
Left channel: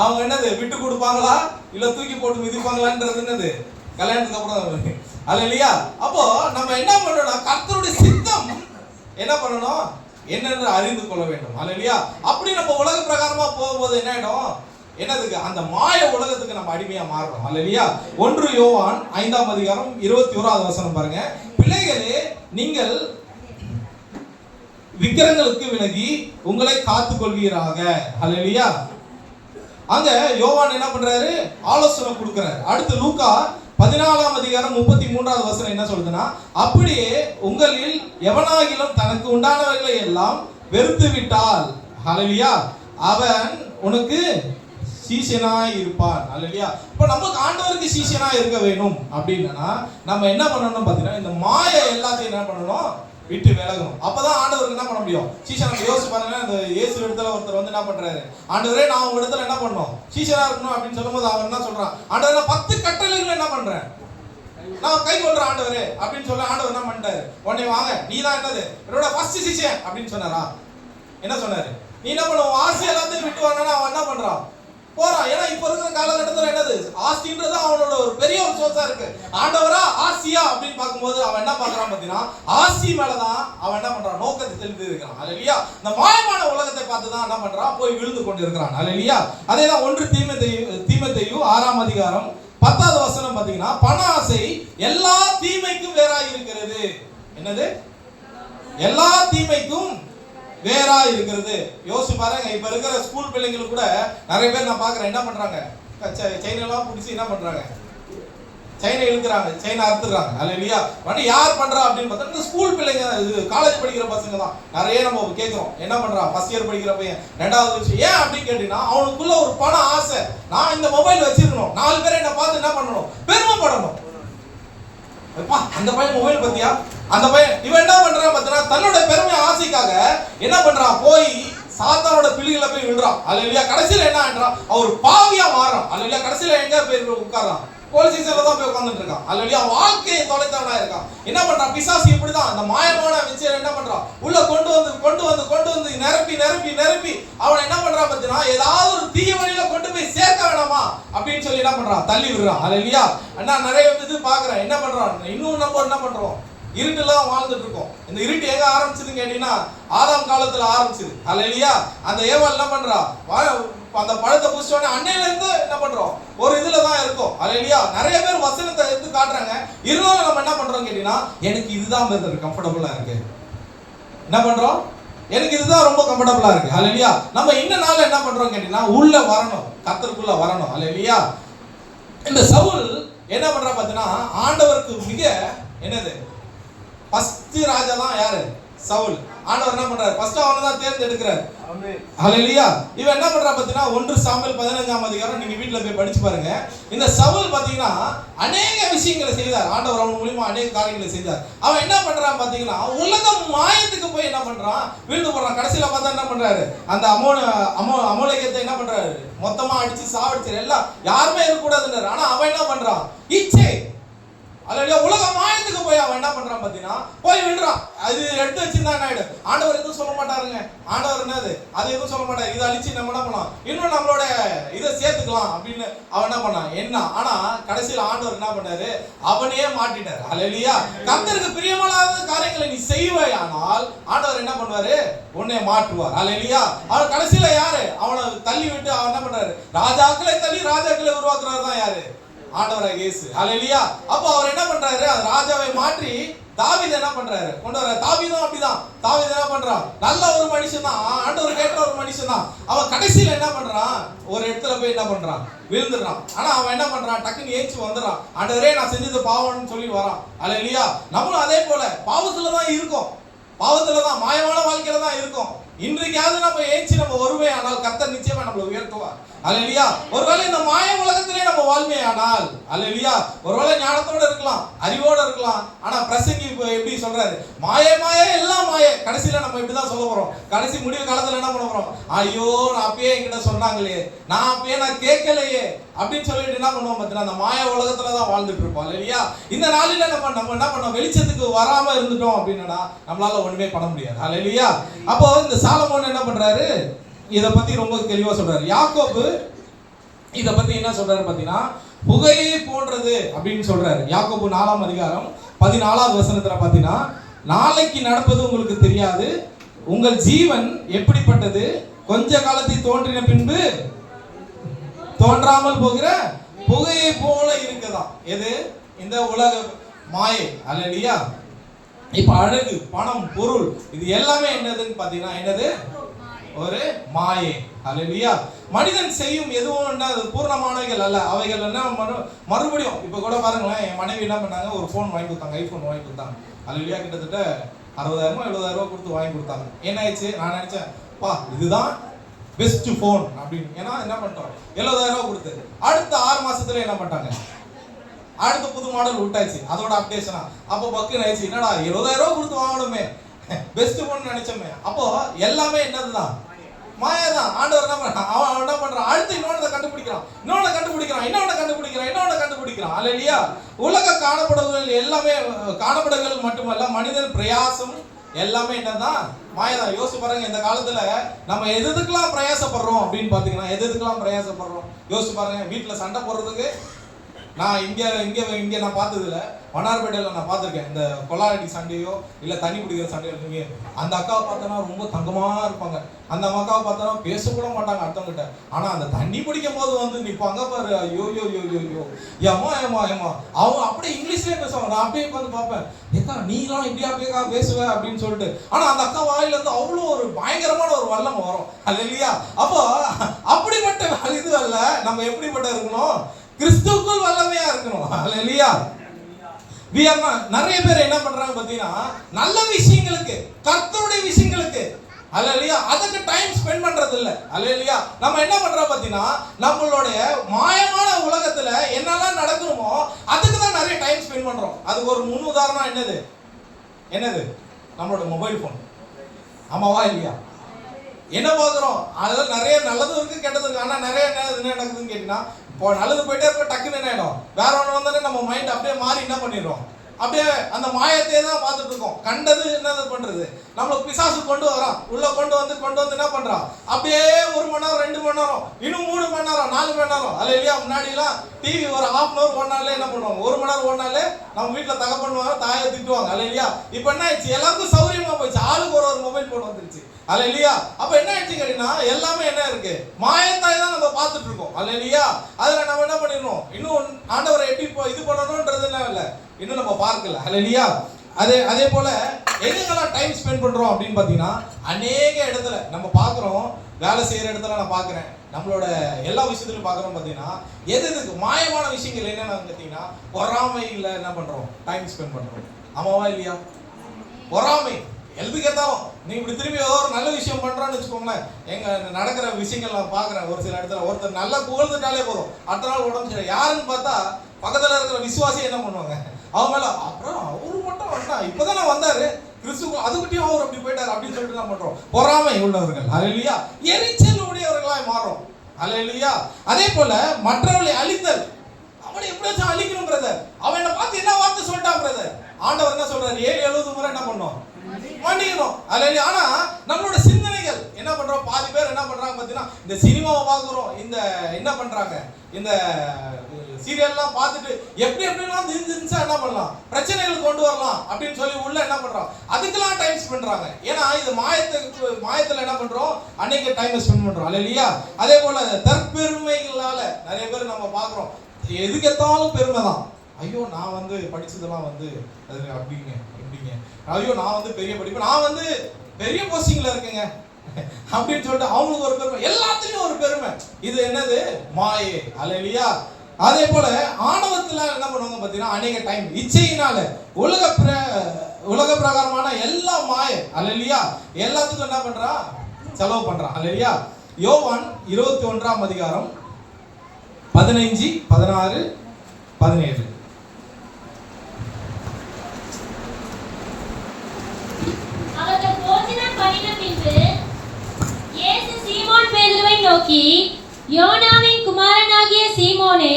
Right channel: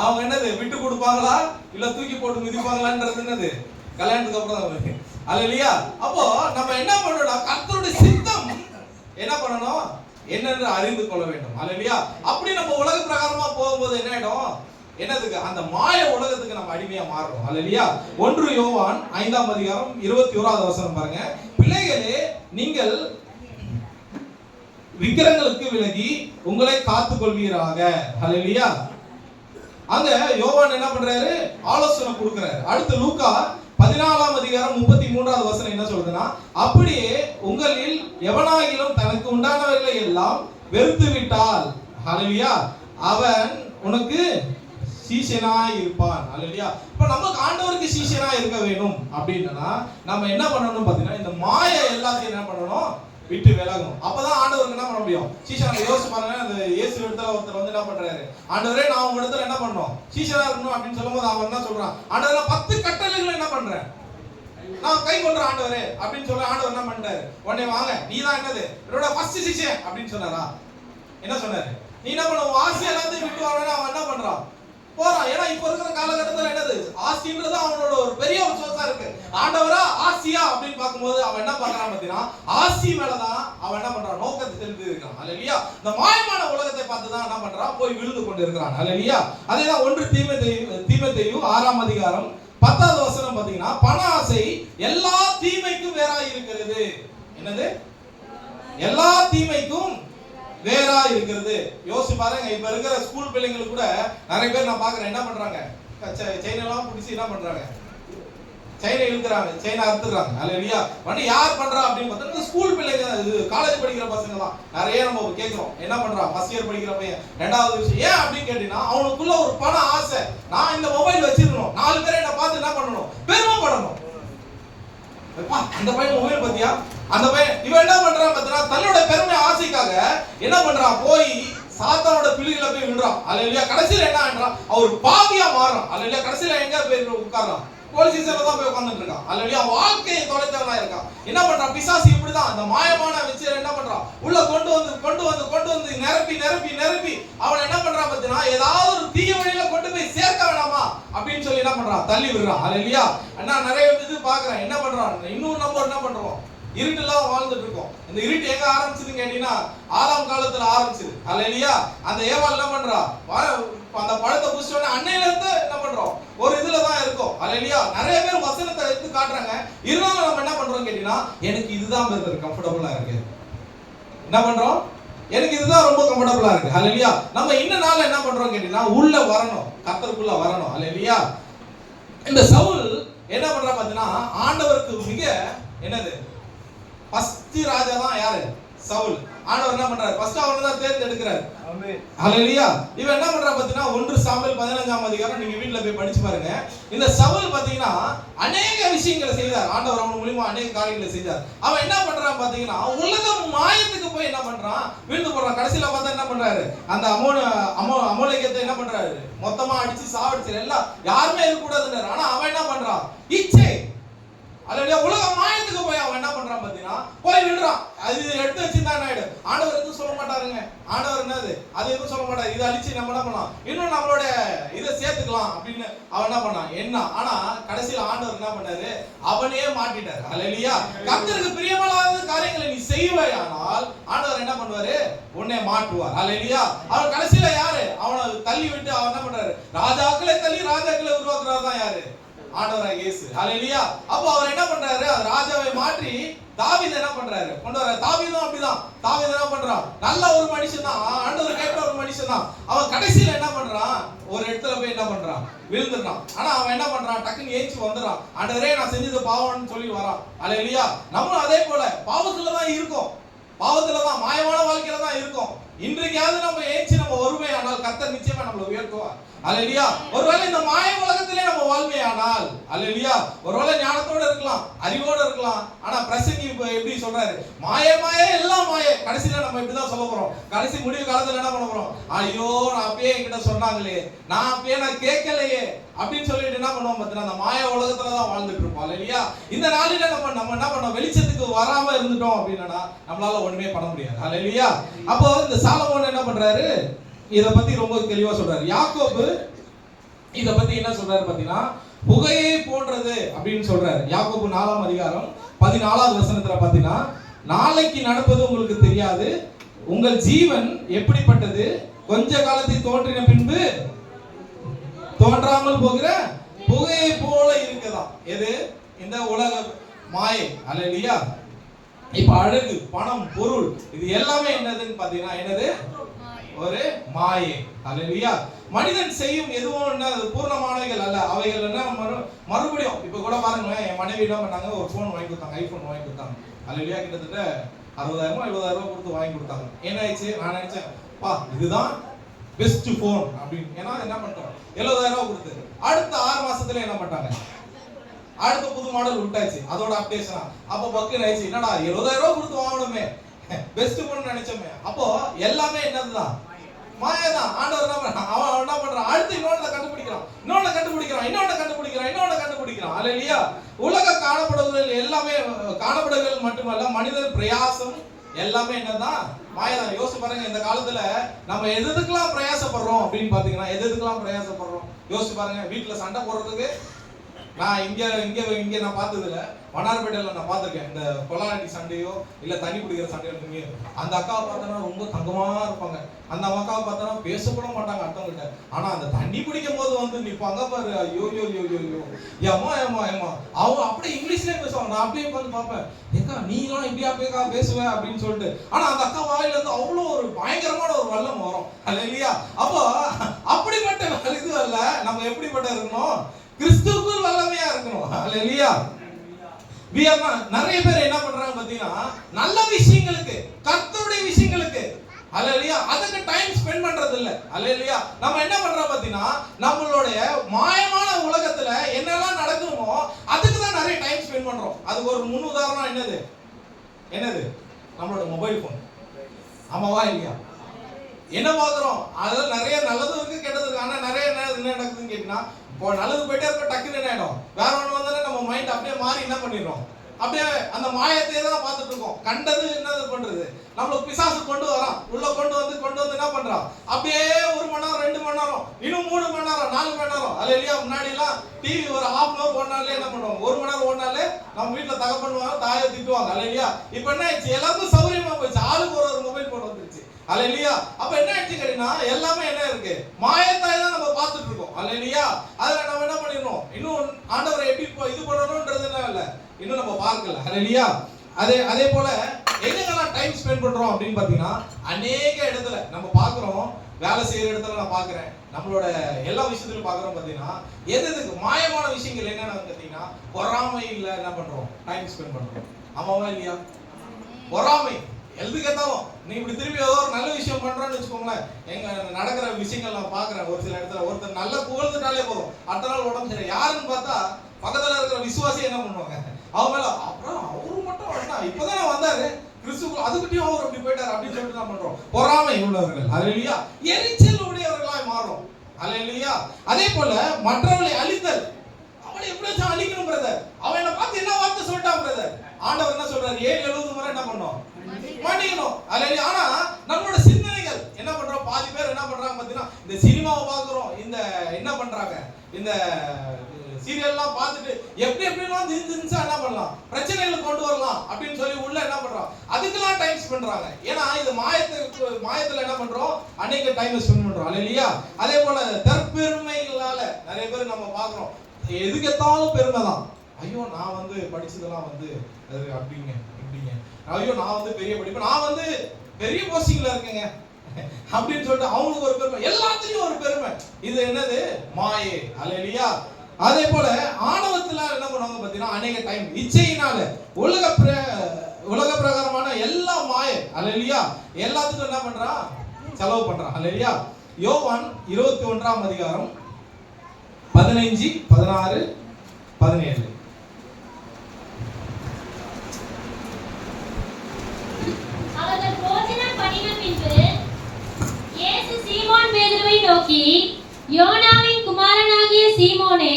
அவங்க என்னது விட்டு கொடுப்பாங்களா இல்ல தூக்கி போட்டு மிதிப்பாங்களான்றது என்னது கல்யாணத்துக்கு அப்புறம் தான். அல்லேலூயா. அப்போ நம்ம என்ன பண்ணணும், கர்த்தருடைய சித்தம் என்ன பண்ணணும் என்னென்று அறிந்து கொள்ள வேண்டும். அல்லேலூயா. அப்படி நம்ம உலக பிரகாரமா போகும்போது என்ன ஆயிடும், என்னதுக்கு, அந்த மாய உலகத்துக்கு நம்ம அடிமையா மாறணும். அல்லேலூயா. 1 யோவான் 5ஆம் அதிகாரம் 21வது வசனம் பாருங்க. பிள்ளைகளே, நீங்கள் விக்கிரங்களுக்கு விலகி உங்களை காத்துக் கொள்வீராக. அல்லேலூயா. அங்க யோவான் என்ன பண்றாரு, ஆலோசனை கொடுக்கிறாரு. அடுத்து லூக்கா 14ஆம் அதிகாரம் 33வது வசனம் என்ன சொல்றதுன்னா, அப்படியே உங்களில் எவனாகிலும் தனக்கு உண்டானவைகளை எல்லாம் வெறுத்து விட்டால், அல்லேலூயா, அவன் உனக்கு சீஷனாய் இருப்பான். அல்லேலூயா. இப்ப நமக்கு ஆண்டவருக்கு சீஷனாய் இருக்க வேணும் அப்படின்னா நம்ம என்ன பண்ணணும் பாத்தீங்கன்னா, இந்த மாய எல்லாத்தையும் என்ன பண்ணணும், விட்டு விலகணும். அப்பதான் ஆண்டவருக்கு என்ன பண்ண முடியும், சீஷன். நம்ம யோசிச்சு பாருங்க, அந்த இயேசு இடத்துல ஒருத்தர் வந்து என்ன பண்றாரு, ஆண்டவரே நான் உங்க இடத்துல என்ன பண்ணணும், சீஷனா இருக்கணும் அப்படின்னு சொல்லும்போது அவர் என்ன சொல்றான், ஆண்டவரே 10 கட்டளைகளை என்ன பண்றேன், நான் கை கொள்றேன் ஆண்டவரே அப்படின்னு சொல்ல. ஆண்டவர் என்ன பண்றாரு, உடனே வாங்க நீ தான் என்னது என்னோட ஃபர்ஸ்ட் சீஷன் அப்படின்னு சொன்னாரா, என்ன சொன்னாரு, நீ என்ன பண்ண, ஆசை எல்லாத்தையும் விட்டு வரானா அவன் என்ன பண்றான், போறான். ஏன்னா இப்ப இருக்கிற காலகட்டத்தில் என்னது, ஆஸ்தின்றது அவனோட ஒரு பெரிய ஒரு சோர்ஸா இருக்கு. ஆண்டவரா ஆசியா அப்படின்னு பார்க்கும்போது அவன் என்ன பார்க்கறான் பாத்தீங்கன்னா, ஆசி மேலதான் அவன் என்ன பண்றான், நோக்கத்தை தெரிந்து இருக்கிறான். அல்லேலூயா. இந்த மாயமான உலகத்தை பார்த்து தான் என்ன பண்றான், போய் விழுந்து கொண்டு இருக்கிறான். அல்லேலூயா. அதேதான் 1 தீமோத்தேயு 6ஆம் அதிகாரம் 10வது வசனம் பாத்தீங்கன்னா, பாத்தீங்கன்னா பண ஆசை எல்லா தீமைக்கும் வேறா இருக்கிறது. என்னது? எல்லா தீமைக்கும் வேறா இருக்கிறது. யோசிச்சு பாருங்க, இப்ப இருக்கிற ஸ்கூல் பிள்ளைங்களுக்கு கூட நிறைய பேர் நான் பாக்குறேன், என்ன பண்றாங்க, செயின் எல்லாம் பிடிச்சி என்ன பண்றாங்க, செயினை இழுக்கிறாங்க, செயினை அறுத்துறாங்க. அல்லேலூயா. வந்து யார் பண்றா அப்படின்னு பார்த்தா இந்த ஸ்கூல் பிள்ளைங்க, காலேஜ் படிக்கிற பசங்க தான் நிறைய நம்ம கேட்கிறோம். என்ன பண்றான், ஃபர்ஸ்ட் இயர் படிக்கிற பையன், 2வது விஷயம். ஏன் அப்படின்னு கேட்டீங்கன்னா அவனுக்குள்ள ஒரு பண ஆசை. நான் இந்த மொபைல் வச்சிருக்கணும், 4 பேரை என்ன பார்த்து என்ன பண்ணணும், பெருமைப்படணும். அந்த பையன் மொபைல் பத்தியா, அந்த பையன் இவன் என்ன பண்றான் பார்த்தீங்கன்னா தன்னோட பெருமை ஆசைக்காக என்ன பண்றான், போய் சாத்தானோட பிள்ளைகளை போய் விடுறான். அல்லேலூயா. கடைசியில என்ன ஆயிடுறான், அவர் பாவியா மாறான். அல்லேலூயா. கடைசியில எங்க போய் உட்கார்றான், போலீஸ் ஸ்டேஷன்ல தான் போய் உட்கார்ந்துட்டு இருக்கான். அல்லேலூயா. வாழ்க்கையை தொலைத்தவனா இருக்கான். என்ன பண்றான், பிசாசு இப்படிதான் அந்த மாயமான வச்சு என்ன பண்றான், உள்ள கொண்டு வந்து நிரப்பி அவனை என்ன பண்றான் பார்த்தீங்கன்னா ஏதாவது ஒரு தீய வழியில கொண்டு போய் சேர்க்க வேணாமா அப்படின்னு சொல்லி என்ன பண்றான், தள்ளி விடுறான். அல்லேலூயா. அண்ணா நிறைய இது பாக்குறேன், என்ன பண்றான், இன்னும் நம்ம என்ன பண்றோம், இருட்டுலாம் வாழ்ந்துட்டு இருக்கோம். இந்த இருட்டு எங்க ஆரம்பிச்சதுன்னு கேட்டீங்கன்னா ஆதாம் காலத்துல ஆரம்பிச்சது. அல்லேலூயா. அந்த ஏவாள் என்ன பண்றா, அந்த பழத்தை புடிச்சோடனே அன்னையில இருந்து என்ன பண்றோம், ஒரு இதுல தான் இருக்கும். அல்லேலூயா. நிறைய பேர் வசனத்தை எடுத்து காட்டுறாங்க, இருந்தாலும் நம்ம என்ன பண்றோம் கேட்டீங்கன்னா எனக்கு இதுதான் பெருது கம்ஃபர்டபுளா இருக்கு. என்ன பண்றோம், எனக்கு இதுதான் ரொம்ப கம்ஃபர்டபுளா இருக்கு. அல்லேலூயா. நம்ம இந்த நாள்ல என்ன பண்றோம் கேட்டீங்கன்னா உள்ள வரணும், கர்த்தருக்குள்ள வரணும். அல்லேலூயா. இந்த சவுல் என்ன பண்றா பாத்தீங்கன்னா ஆண்டவருக்கு மிக என்னது ஃபர்ஸ்ட் ராஜா தான் யாரு, சவுல். ஆண்டவர் என்ன பண்றாரு, ஃபர்ஸ்ட் அவனை தான் தேர்ந்தெடுக்கிறார். ஆமென். ஹல்லேலூயா. இவன் என்ன பண்றா பாத்தீங்கன்னா 1 சாமுவேல் 15ஆம் அதிகாரம் நீங்க வீட்ல போய் படிச்சு பாருங்க. இந்த சவுல் பாத்தீங்கன்னா அநேக விஷயங்களை செய்தார். ஆண்டவர் அவன் மூலமா அநேக காரியங்களை செய்தார். அவன் என்ன பண்றான் பாத்தீங்கன்னா உலகம் மாயத்துக்கு போய் என்ன பண்றான், வீழ்ந்து போறான். கடைசில பார்த்தா என்ன பண்றாரு, அந்த அமோலேகத்தை என்ன பண்றாரு, மொத்தமா அடிச்சு சாவடிச்சு எல்லாம் யாருமே இருக்க கூடாதுன்றாரு. ஆனா அவன் என்ன பண்றான், இச்சை. அல்லேலூயா. உலகம் மாயத்துக்கு போய் அவன் என்ன பண்றான் பாத்தீங்கன்னா போய் விடுறான். அது எடுத்து வச்சிருந்தா என்ன ஆயிடும், ஆண்டவர் எதுவும் சொல்ல மாட்டாருங்க. ஆண்டவர் என்னது, அது எதுவும் சொல்ல மாட்டாரு. இதை அழிச்சு நம்ம என்ன பண்ணலாம், இன்னும் நம்மளோட இதை சேர்த்துக்கலாம் அப்படின்னு அவன் என்ன பண்ணான் என்ன. ஆனா கடைசியில ஆண்டவர் என்ன பண்ணாரு, அவனே மாட்டிட்டாரு. அல்லேலூயா. கர்த்தருக்கு பிரியமில்லாத காரியங்களை நீ செய்வாயானால் ஆண்டவர் என்ன பண்ணுவாரு, உன்னை மாற்றுவார். அல்லேலூயா. அவன் கடைசியில யாரு, அவனை தள்ளி விட்டு அவன் என்ன பண்றாரு, ராஜாக்களை தள்ளி ராஜாக்களை உருவாக்குறவர் தான் யாரு, ஆண்டவராகிய இயேசு. அல்லேலூயா. அப்ப அவர் என்ன பண்றாரு, ராஜாவை மாற்றி தாவீது என்ன பண்றாரு கொண்டு வர. தாவீதும் அப்படிதான். தாவீது என்ன பண்றான், நல்ல ஒரு மனுஷன் தான், ஆண்டவர் கேட்ட ஒரு மனுஷன் தான். அவன் கடைசியில என்ன பண்றான், ஒரு இடத்துல போய் என்ன பண்றான், விழுந்துடுறான். ஆனா அவன் என்ன பண்றான், டக்குன்னு ஏஞ்சி வந்துடுறான். ஆண்டவரே நான் செஞ்சது பாவம்னு சொல்லி வரான். அல்லேலூயா. நம்மளும் அதே போல பாவத்துல தான் இருக்கோம், பாவத்துல தான், மாயமான வாழ்க்கையில தான் இருக்கும். இன்றைக்காவது நம்ம ஏஞ்சி நம்ம வருவே ஆனால் கர்த்தர் நிச்சயமா நம்மளை உயர்த்துவார். அல்லேலூயா. ஒருவேளை இந்த மாய உலகத்திலே நம்ம வாழ்மையானால், அல்லேலூயா, ஒருவேளை ஞானத்தோட இருக்கலாம், அறிவோட இருக்கலாம். ஆனா பிரசங்கி எப்படி சொல்றாரு, மாய எல்லாம் மாய. கடைசியில நம்ம இப்படிதான் சொல்ல போறோம். கடைசி முடிவு காலத்துல என்ன பண்ண போறோம், ஐயோ நான் அப்பயே என்கிட்ட சொன்னாங்களே, நான் அப்பயே நான் கேட்கலையே அப்படின்னு சொல்லிட்டு என்ன பண்ணுவோம் பார்த்தீங்கன்னா அந்த மாய உலகத்துல தான் வாழ்ந்துட்டு இருப்போம். அல்லேலூயா. இந்த நாளில நம்ம என்ன பண்ணோம், வெளிச்சத்துக்கு வராம இருந்துட்டோம் அப்படின்னா நம்மளால ஒண்ணுமே பண்ண முடியாது. அல்லேலூயா. அப்போ இந்த சாலமோன் என்ன பண்றாரு, இத பத்தி ரொம்ப தெளிவா சொல்றாரு. யாக்கோபு இத பத்தி என்ன சொல்றாரு பாத்தீங்கன்னா புகையை போன்றது அப்படின்னு சொல்றாரு. யாக்கோபு 4ஆம் அதிகாரம் 14ஆவது வசனத்துல பாத்தீங்கன்னா நாளைக்கு நடப்பது உங்களுக்கு தெரியாது, உங்கள் ஜீவன் எப்படிப்பட்டது, கொஞ்ச காலத்தில் தோன்றின பின்பு தோன்றாமல் போகிற புகையை போல இருக்குதான். எது, இந்த உலக மாயை. அல்லேலூயா. இப்ப அழகு, பணம், பொருள் இது எல்லாமே என்னதுன்னு பாத்தீங்கன்னா என்னது, ஒரு மாயை. அல்லேலூயா. மனிதன் செய்யும் எதுவும் என்ன பூர்ணமானவைகள் அல்ல. அவைகள் என்ன மறுபடியும் இப்ப கூட பாருங்களேன், என் மனைவி என்ன பண்ணாங்க, ஒரு போன் வாங்கி கொடுத்தாங்க, ஐபோன் வாங்கி கொடுத்தாங்க. அல்லேலூயா. கிட்டத்தட்ட 60,000 70,000 கொடுத்து வாங்கி கொடுத்தாங்க. என்ன ஆயிடுச்சு, நான் நினைச்சேன் பா இதுதான் பெஸ்ட் போன் அப்படின்னு. ஏன்னா என்ன பண்ணிட்டோம், 70,000 கொடுத்து அடுத்த 6 மாசத்துல என்ன பண்ணிட்டாங்க, அடுத்த புது மாடல் விட்டாச்சு, அதோட அப்டேஷனா. அப்போ பக்கு ஆயிடுச்சு, என்னடா 70,000 கொடுத்து வாங்கணுமே, பெஸ்ட் போன் நினைச்சோமே. அப்போ எல்லாமே என்னதுதான், மாயதான். ஆண்டவர் என்ன பண்றான், அவன் என்ன பண்றான், அடுத்து இன்னொன்னு கண்டுபிடிக்கிறான். அல்லேலூயா. உலக காணப்படுகள் எல்லாமே காணப்படுகள் மட்டுமல்ல, மனிதன் பிரயாசம் எல்லாமே என்னதான் மாயதான். யோசிச்சு பாருங்க, இந்த காலத்துல நம்ம எதுக்கெல்லாம் பிரயாசப்படுறோம் அப்படின்னு பாத்தீங்கன்னா, எதுக்கெல்லாம் பிரயாசப்படுறோம் யோசிச்சு பாருங்க. வீட்டுல சண்டை போடுறதுக்கு நான் இங்க நான் பார்த்ததுல மன்னார்பேட்டையில நான் பார்த்திருக்கேன். இந்த கொலாரடி சண்டையோ இல்ல தண்ணி பிடிக்கிற சண்டையோ இருக்குமே, அந்த அக்காவை பார்த்தோன்னா ரொம்ப தங்கமா இருப்பாங்க. அந்த அக்காவை பார்த்தோன்னா பேசக்கூட மாட்டாங்க அடுத்தவங்கிட்ட. ஆனா அந்த தண்ணி பிடிக்கும் போது வந்து நிப்பாங்க பாரு, ஐயோ யோ யோ யோ யோ ஏமா ஏமா ஏமா அவங்க அப்படியே இங்கிலீஷ்லயே பேசுவாங்க. நான் அப்படியே உட்காந்து பார்ப்பேன், ஏக்கா நீலாம் இப்படியா பேக்கா பேசுவேன் அப்படின்னு சொல்லிட்டு. ஆனா அந்த அக்கா வாயில இருந்து அவ்வளோ ஒரு பயங்கரமான ஒரு வல்லம் வரும். அல்லையா? அப்போ அப்படிப்பட்ட இது அல்ல, நம்ம எப்படிப்பட்ட இருக்கணும்? கிறிஸ்துவுக்குள் வல்லமையா இருக்கணும். அல்லையா? நிறைய பேர் என்ன பண்றாங்க பாத்தீங்கன்னா, நல்ல விஷயங்களுக்கு, கர்த்தருடைய விஷயங்களுக்கு அல்லேலூயா அதுக்கு டைம் ஸ்பெண்ட் பண்றது இல்ல. அல்லேலூயா நம்ம என்ன பண்றோம் பாத்தீங்கன்னா, நம்மளுடைய மாயமான உலகத்துல என்னெல்லாம் நடக்குமோ அதுக்கு தான் நிறைய டைம் ஸ்பெண்ட் பண்றோம். அதுக்கு ஒரு முன் உதாரணம் என்னது நம்மளோட மொபைல் போன். ஆமாவா இல்லையா? என்ன பாக்குறோம்? அதுல நிறைய நல்லதும் இருக்கு கெட்டதும் இருக்கு. ஆனா நிறைய என்ன நடக்குதுன்னு கேட்டீங்கன்னா, இப்போ நல்லது போயிட்டே இருக்க டக்குன்னு என்ன ஆயிடும், வேற ஒன்று வந்தாலே நம்ம மைண்ட் அப்படியே மாறி என்ன பண்ணிடுறோம், அப்படியே அந்த மாயத்தையே தான் பார்த்துட்டு இருக்கோம். கண்டது என்னது பண்றது, நம்மளுக்கு பிசாசு கொண்டு வரோம், உள்ள கொண்டு வந்து என்ன பண்றோம், அப்படியே 1 மணி நேரம் 2 மணி நேரம் இன்னும் 3 மணி நேரம் 4 மணி நேரம். அல்லேலூயா முன்னாடி எல்லாம் டிவி ஒரு ½ மணி நேரம் ஓடினாலே என்ன பண்ணுவாங்க, 1 மணி நேரம் ஓடினாலே நம்ம வீட்டுல தகப்பண்ணுவாங்க, தாயை திட்டுவாங்க. அல்லேலூயா இப்ப என்ன ஆயிடுச்சு, எல்லாருக்கும் சௌரியமா போயிடுச்சு, ஆளுக்கு ஒரு மொபைல் போன் வந்துருச்சு. அல்லேலூயா அப்ப என்ன ஆயிடுச்சு கேட்டீங்கன்னா, எல்லாமே என்ன இருக்கு, மாயத்தாய் தான் நம்ம பார்த்துட்டு இருக்கோம். அல்லேலூயா அதுல நம்ம என்ன பண்ணிடணும், இன்னும் ஆண்டவரை எப்படி இது பண்ணணும்ன்றது இல்ல, இன்னும் நம்ம பார்க்கல. அல்லேலூயா அதே போல எங்கெல்லாம் டைம் ஸ்பெண்ட் பண்றோம் அப்படின்னு பாத்தீங்கன்னா, அநேக இடத்துல நம்ம பாக்குறோம். வேலை செய்யற இடத்துல நான் பாக்குறேன், நம்மளோட எல்லா விஷயத்திலும் பாக்குறோம். பாத்தீங்கன்னா எதுக்கு மாயமான விஷயங்கள் என்னன்னு பாத்தீங்கன்னா, பொறாமையில என்ன பண்றோம், டைம் ஸ்பெண்ட் பண்றோம். ஆமாவா இல்லையா? பொறாமை எதுக்கு கேட்டாலும் நீ இப்படி திரும்பி ஏதோ ஒரு நல்ல விஷயம் பண்றான்னு வச்சுக்கோங்களேன். எங்க நடக்கிற விஷயங்கள் நான் பாக்குறேன், ஒரு சில இடத்துல ஒருத்தர் நல்லா புகழ்ந்துட்டாலே போதும், அடுத்த நாள் உடம்பு சரி. யாருன்னு பார்த்தா பக்கத்துல இருக்கிற விசுவாசி என்ன பண்ணுவாங்க, அவங்க மேல அப்புறம் அவரு மட்டும் வந்தா இப்பதானே வந்தாரு கிறிஸ்துவ, அதுக்கிட்டையும் அவர் அப்படி போயிட்டாரு அப்படின்னு சொல்லிட்டு என்ன பண்றோம், பொறாமை உள்ளவர்கள். அல்லேலூயா எரிச்சல் உடையவர்களாய் மாறும். அல்லேலூயா அதே போல மற்றவர்களை அழித்தல், அவனை எப்படியாச்சும் அழிக்கணும் பிரதர், அவன் என்ன பார்த்து என்ன வார்த்தை சொல்லிட்டான் பிரதர், ஆண்டவர் என்ன சொல்றாரு, 7-70 முறை என்ன பண்ணோம், மன்னிக்கணும். அல்லேலூயா ஆனா நம்மளோட சிந்தனைகள் என்ன பண்றோம், பாதி பேர் என்ன பண்றாங்க பாத்தீங்கன்னா, இந்த சினிமாவை பாக்குறோம், இந்த என்ன பண்றாங்க, இந்த சீரியல்லாம் பார்த்துட்டு எப்படிலாம் இருந்துச்சா என்ன பண்ணலாம், பிரச்சனைகள் கொண்டு வரலாம் அப்படின்னு சொல்லி உள்ள என்ன பண்றோம், அதுக்கெல்லாம் டைம் ஸ்பெண்ட் பண்றாங்க. ஏன்னா இது மாயத்துல என்ன பண்றோம், அன்னைக்கு டைம் ஸ்பெண்ட் பண்றோம். அல்லேலூயா அதே போல தற்பெருமைகளால நிறைய பேர் நம்ம பாக்குறோம், எதுக்கெத்தாலும் பெருமை தான். ஐயோ நான் வந்து படிச்சதெல்லாம் வந்து அது அப்படிங்க எப்படிங்க, ஐயோ நான் வந்து பெரிய படிப்பு, நான் வந்து பெரிய போஸ்டிங்ல இருக்கேங்க அப்படின்னு சொல்லிட்டு அவங்களுக்கு ஒரு பெருமை, எல்லாத்துலயும் ஒரு பெருமை. இது என்னது, மாயை. அல்லேலூயா அதே போல ஆணவத்துல என்ன பண்ணுவாங்க பாத்தீங்கன்னா, அநேக டைம் இச்சையினால உலக பிரகாரமான எல்லா மாயை. அல்லேலூயா எல்லாத்துக்கும் என்ன பண்றா, செலவு பண்றான். அல்லேலூயா யோவான் 21ஆம் அதிகாரம் 15, 16, 17. அவர்கள் போஜனம் பண்ணின பின்பு இயேசு சீமோன் பேதுருவை நோக்கி, யோனாவின் குமாரனாகிய சீமோனே,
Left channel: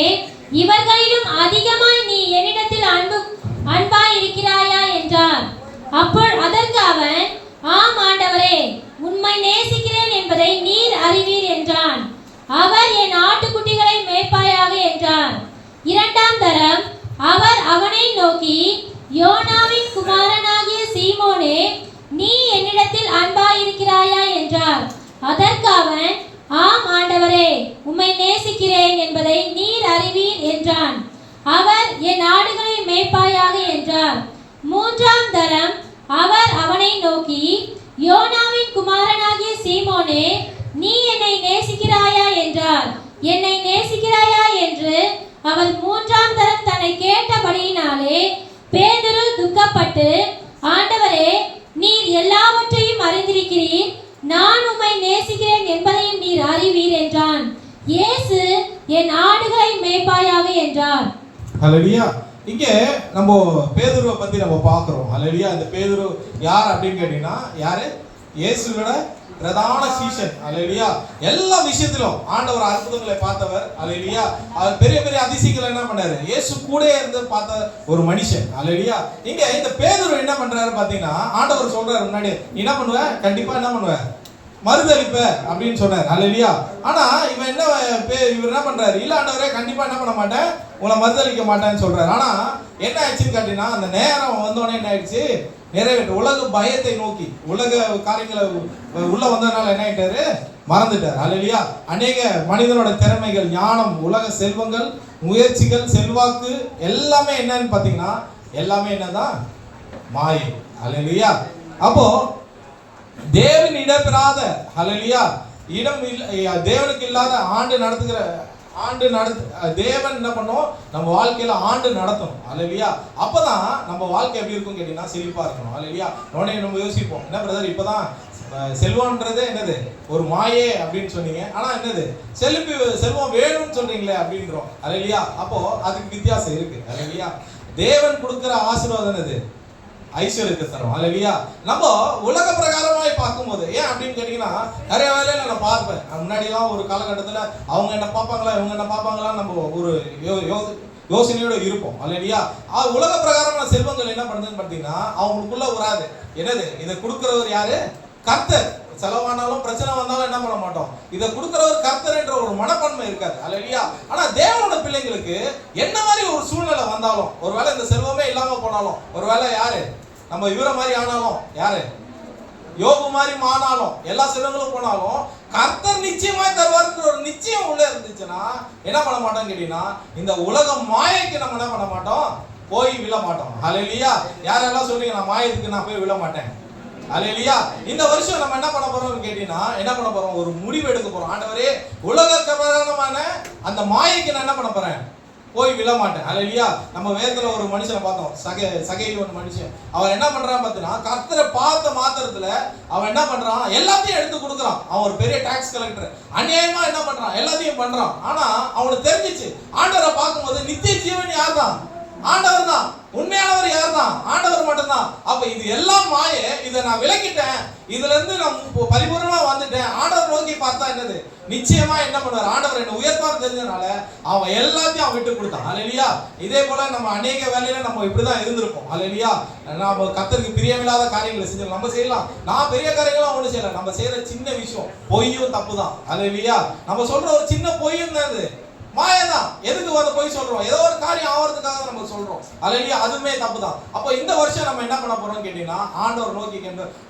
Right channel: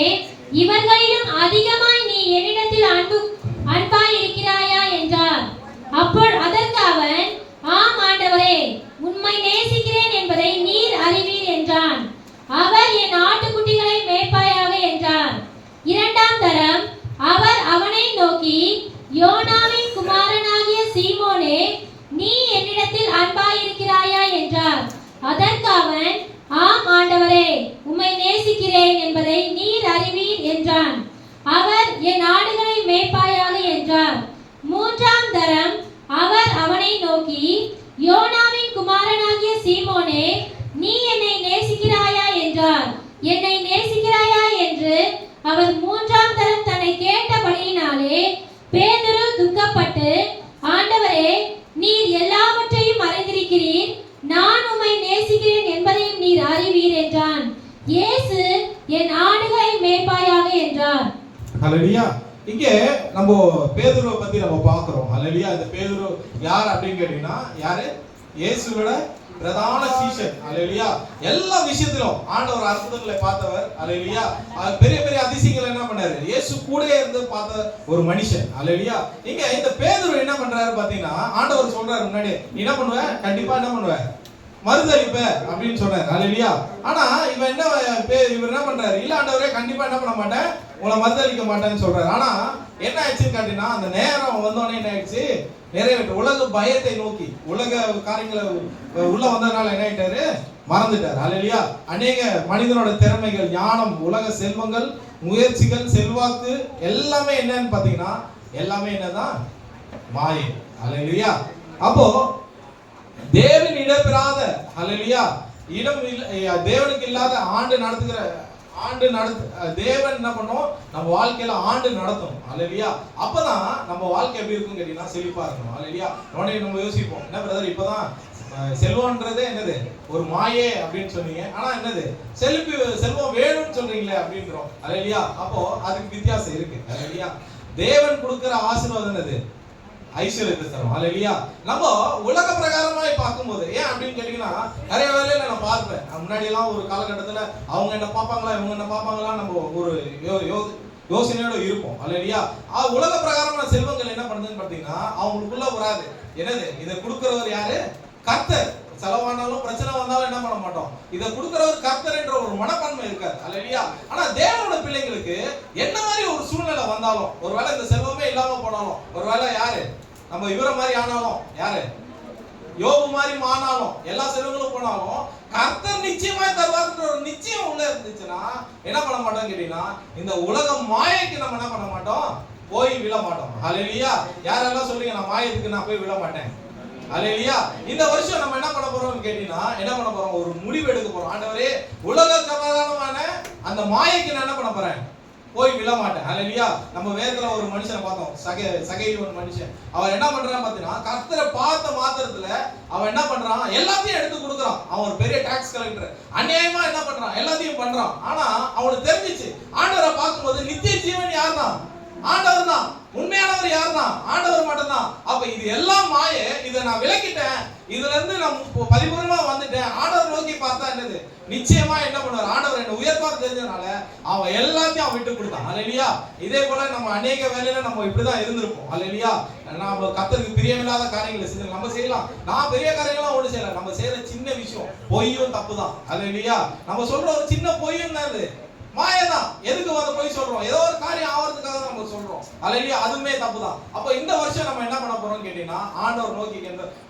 இவர்களிலும் அதிகமாய் நீ என்னிடத்தில் அன்பாய் இருக்கிறாயா என்றார். அதற்கு அவன், ஆம் ஆண்டவரே, உம்மை நேசிக்கிறேன் என்பதை நீர் அறிவீர் என்றான். அவர், என் ஆட்டுக்குட்டிகளை மேய்ப்பாயாக என்றார். 2ஆம் தரம் அவர் அவனை நோக்கி, யோனாவின் குமாரனாகிய சீமோனே, நீ என்னிடத்தில் அன்பாயிருக்கிறாயா என்றார். அதற்கு அவன், ஆம் ஆண்டவரே, உம்மை நேசிக்கிறேன் என்பதை நீர் அறிவீர் என்றான். அவர், என் ஆடுகளை மேய்ப்பாயாக என்றார். 3ஆம் தரம் அவர் அவனை நோக்கி, யோனாவின் குமாரனாகிய சீமோனே, நீ என்னை நேசிக்கிறாயா என்றார். என்னை நேசிக்கிறாயா என்று அவர் 3ஆம் தரம் தன்னை கேட்டபடியினாலே பேதுரு துக்கப்பட்டு, ஆண்டவரே, நீர் எல்லாவற்றையும் அறிந்திருக்கிறீர், நான் உம்மை நேசிக்கிறேன் என்பதையும் நீர் அறிவீர் என்றான். இயேசு, என் ஆடுகளை மேய்ப்பாயாக என்றார். அல்லேலூயா இங்க நம்ம பேதுருவை பத்தி நம்ம பார்க்கிறோம். அல்லேலூயா இந்த பேதுரு யார் அப்படின்னு கேட்டீங்கன்னா, யாரு, இயேசுவோட பிரதான சீஷன். அல்லேலூயா எல்லா விஷயத்திலும் ஆண்டவர் அற்புதங்களை பார்த்தவர். அல்லேலூயா அவர் பெரிய பெரிய அதிசயங்களை என்ன பண்ணாரு, இயேசு கூட இருந்து பார்த்த ஒரு மனுஷன். அல்லேலூயா இங்க இந்த பேதுரு என்ன பண்றாரு பாத்தீங்கன்னா, ஆண்டவர் சொல்றாரு முன்னாடி, என்ன பண்ணுவ, கண்டிப்பா என்ன பண்ணுவ, மறுதளிப்ப அப்படின்னு சொன்னார். ஹalleluya. ஆனா இவர் என்ன பண்றாரு? இல்ல ஆண்டவரே, கண்டிப்பா என்ன பண்ண மாட்டேன், உங்களை மறுதளிக்க மாட்டேன்னு சொல்றாரு. ஆனா என்ன ஆயிடுச்சுன்னு கேட்டீங்கன்னா, அந்த நேரம் வந்தோடனே என்ன ஆயிடுச்சு, நிறைவேற்று உலக பயத்தை நோக்கி உலக காரியங்களை உள்ள வந்ததுனால என்ன ஆயிட்டாரு, மறந்துட்டார். ஹalleluya. அநேக மனிதனோட திறமைகள், ஞானம், உலக செல்வங்கள், முயற்சிகள், செல்வாக்கு எல்லாமே என்னன்னு பாத்தீங்கன்னா எல்லாமே என்னதான், மாயை. ஹalleluya. அப்போ தேவன் இடம்பெறாத, ஹalleluya, தேவனுக்கு இல்லாத தேவன் என்ன பண்ணும், நம்ம வாழ்க்கையில ஆண்டு நடத்தணும். ஹalleluya. அப்பதான் நம்ம வாழ்க்கை எப்படி இருக்கும் கேட்டீங்கன்னா செழிப்பா இருக்கணும். ஹalleluya. உடனே நம்ம யோசிப்போம், என்ன பிரதர் இப்பதான் செல்வம்ன்றது என்னது, ஒரு மாயே அப்படின்னு சொன்னீங்க, ஆனா என்னது செல்வம் வேணும்னு சொல்றீங்களே அப்படின்றோம். ஹalleluya. அப்போ அதுக்கு வித்தியாசம் இருக்கு. ஹalleluya. தேவன் கொடுக்கிற ஆசீர்வாதம் என்னது, ஐஸ்வர்யத்தை தரும். ஹalleluya. நம்ம உலக பிரகாரமாய் பார்க்கும்போது ஏன் அப்படின்னு கேட்டீங்கன்னா, நிறைய வேலையில நான் பார்ப்பேன், முன்னாடி எல்லாம் ஒரு காலகட்டத்துல அவங்க என்ன பார்ப்பாங்களா இவங்க என்ன பார்ப்பாங்களா நம்ம ஒரு யோசனையோட இருப்போம். ஹalleluya. உலக பிரகாரமான செல்வங்கள் என்ன பண்ணுதுன்னு பார்த்தீங்கன்னா அவங்களுக்குள்ள வராது. என்னது, இதை கொடுக்கிறவர் யாரு, கர்த்தர். செலவானாலும் பிரச்சனை வந்தாலும் என்ன பண்ண மாட்டோம், இதை கொடுக்கிறவர் கர்த்தர் என்ற ஒரு மனப்பான்மை இருக்காது. ஹalleluya. ஆனா தேவனோட பிள்ளைங்களுக்கு என்ன மாதிரி ஒரு சூழ்நிலை வந்தாலும், ஒருவேளை இந்த செல்வமே இல்லாம போனாலும், ஒருவேளை யாரு நம்ம இவரை மாதிரி ஆனாலும், யாரு யோபு மாதிரி ஆனாலும், எல்லா செல்வங்களும் போனாலும் கர்த்தர் நிச்சயமா தருவார்ன்ற ஒரு நிச்சயம் உள்ள இருந்துச்சுன்னா என்ன பண்ண மாட்டோம் கேட்டீங்கன்னா, இந்த உலக மாயைக்கு நம்ம என்ன பண்ண மாட்டோம், போய் விழ மாட்டோம். ஹalleluya. யாரெல்லாம் சொல்றீங்க நான் மாயத்துக்கு நான் போய் விழ மாட்டேன். ஹalleluya. இந்த வருஷம் நம்ம என்ன பண்ண போறோம்னு கேட்டீங்கன்னா, என்ன பண்ண போறோம், ஒரு முடிவு எடுக்க போறோம். ஆண்டவரே, உலக பிரகாரமான அந்த மாயைக்கு நான் என்ன பண்ண போறேன், போய் விழ மாட்டேன். ஹalleluya. நம்ம வேதத்துல ஒரு மனுஷனை பார்த்தோம், சகையின் மனுஷன். அவன் என்ன பண்றான் பார்த்தீங்கன்னா, கர்த்தரை பார்த்த மாத்திரத்துல அவன் என்ன பண்றான், எல்லாத்தையும் எடுத்து கொடுக்குறான். அவன் ஒரு பெரிய டாக்ஸ் கலெக்டர், அநியாயமா என்ன பண்றான், எல்லாத்தையும் பண்றான். ஆனா அவனுக்கு தெரிஞ்சிச்சு, ஆண்டவரை பார்க்கும்போது நித்திய ஜீவன் யார் தான், ஆண்டவர் தான். உண்மையானவர் யார் தான், ஆண்டவர் மட்டும் தான். அப்ப இது எல்லாம் மாயை, இதை நான் விலக்கிட்டேன், இதுல இருந்து நான் பரிபூர்ணமா வந்துட்டேன், ஆண்டவர் நோக்கி பார்த்தா என்னது, நிச்சயமா என்ன பண்ணுவார், ஆண்டவர் என்ன உயர்ப்பார் தெரிஞ்சதுனால அவன் எல்லாத்தையும் அவன் விட்டு கொடுத்தான். ஹalleluya. இதே போல நம்ம அநேக வேலையில நம்ம இப்படிதான் இருந்திருப்போம். ஹalleluya. நம்ம கர்த்தருக்கு பிரியமில்லாத காரியங்களை செஞ்சோம், நம்ம செய்யலாம். நான் பெரிய காரியங்கள்லாம் ஒண்ணு செய்யல, நம்ம செய்யற சின்ன விஷயம் பொய்யும் தப்பு தான். ஹalleluya. நம்ம சொல்ற ஒரு சின்ன பொய்யும் தான் இது மாயதான். எதுக்கு வர போய் சொல்றோம், ஏதோ ஒரு காரியம் ஆவறதுக்காக நம்ம சொல்றோம். ஹalleluya. அதுமே தப்புதான். அப்ப இந்த வருஷம் நம்ம என்ன பண்ண போறோம் கேட்டீங்கன்னா, ஆண்டவர் நோக்கி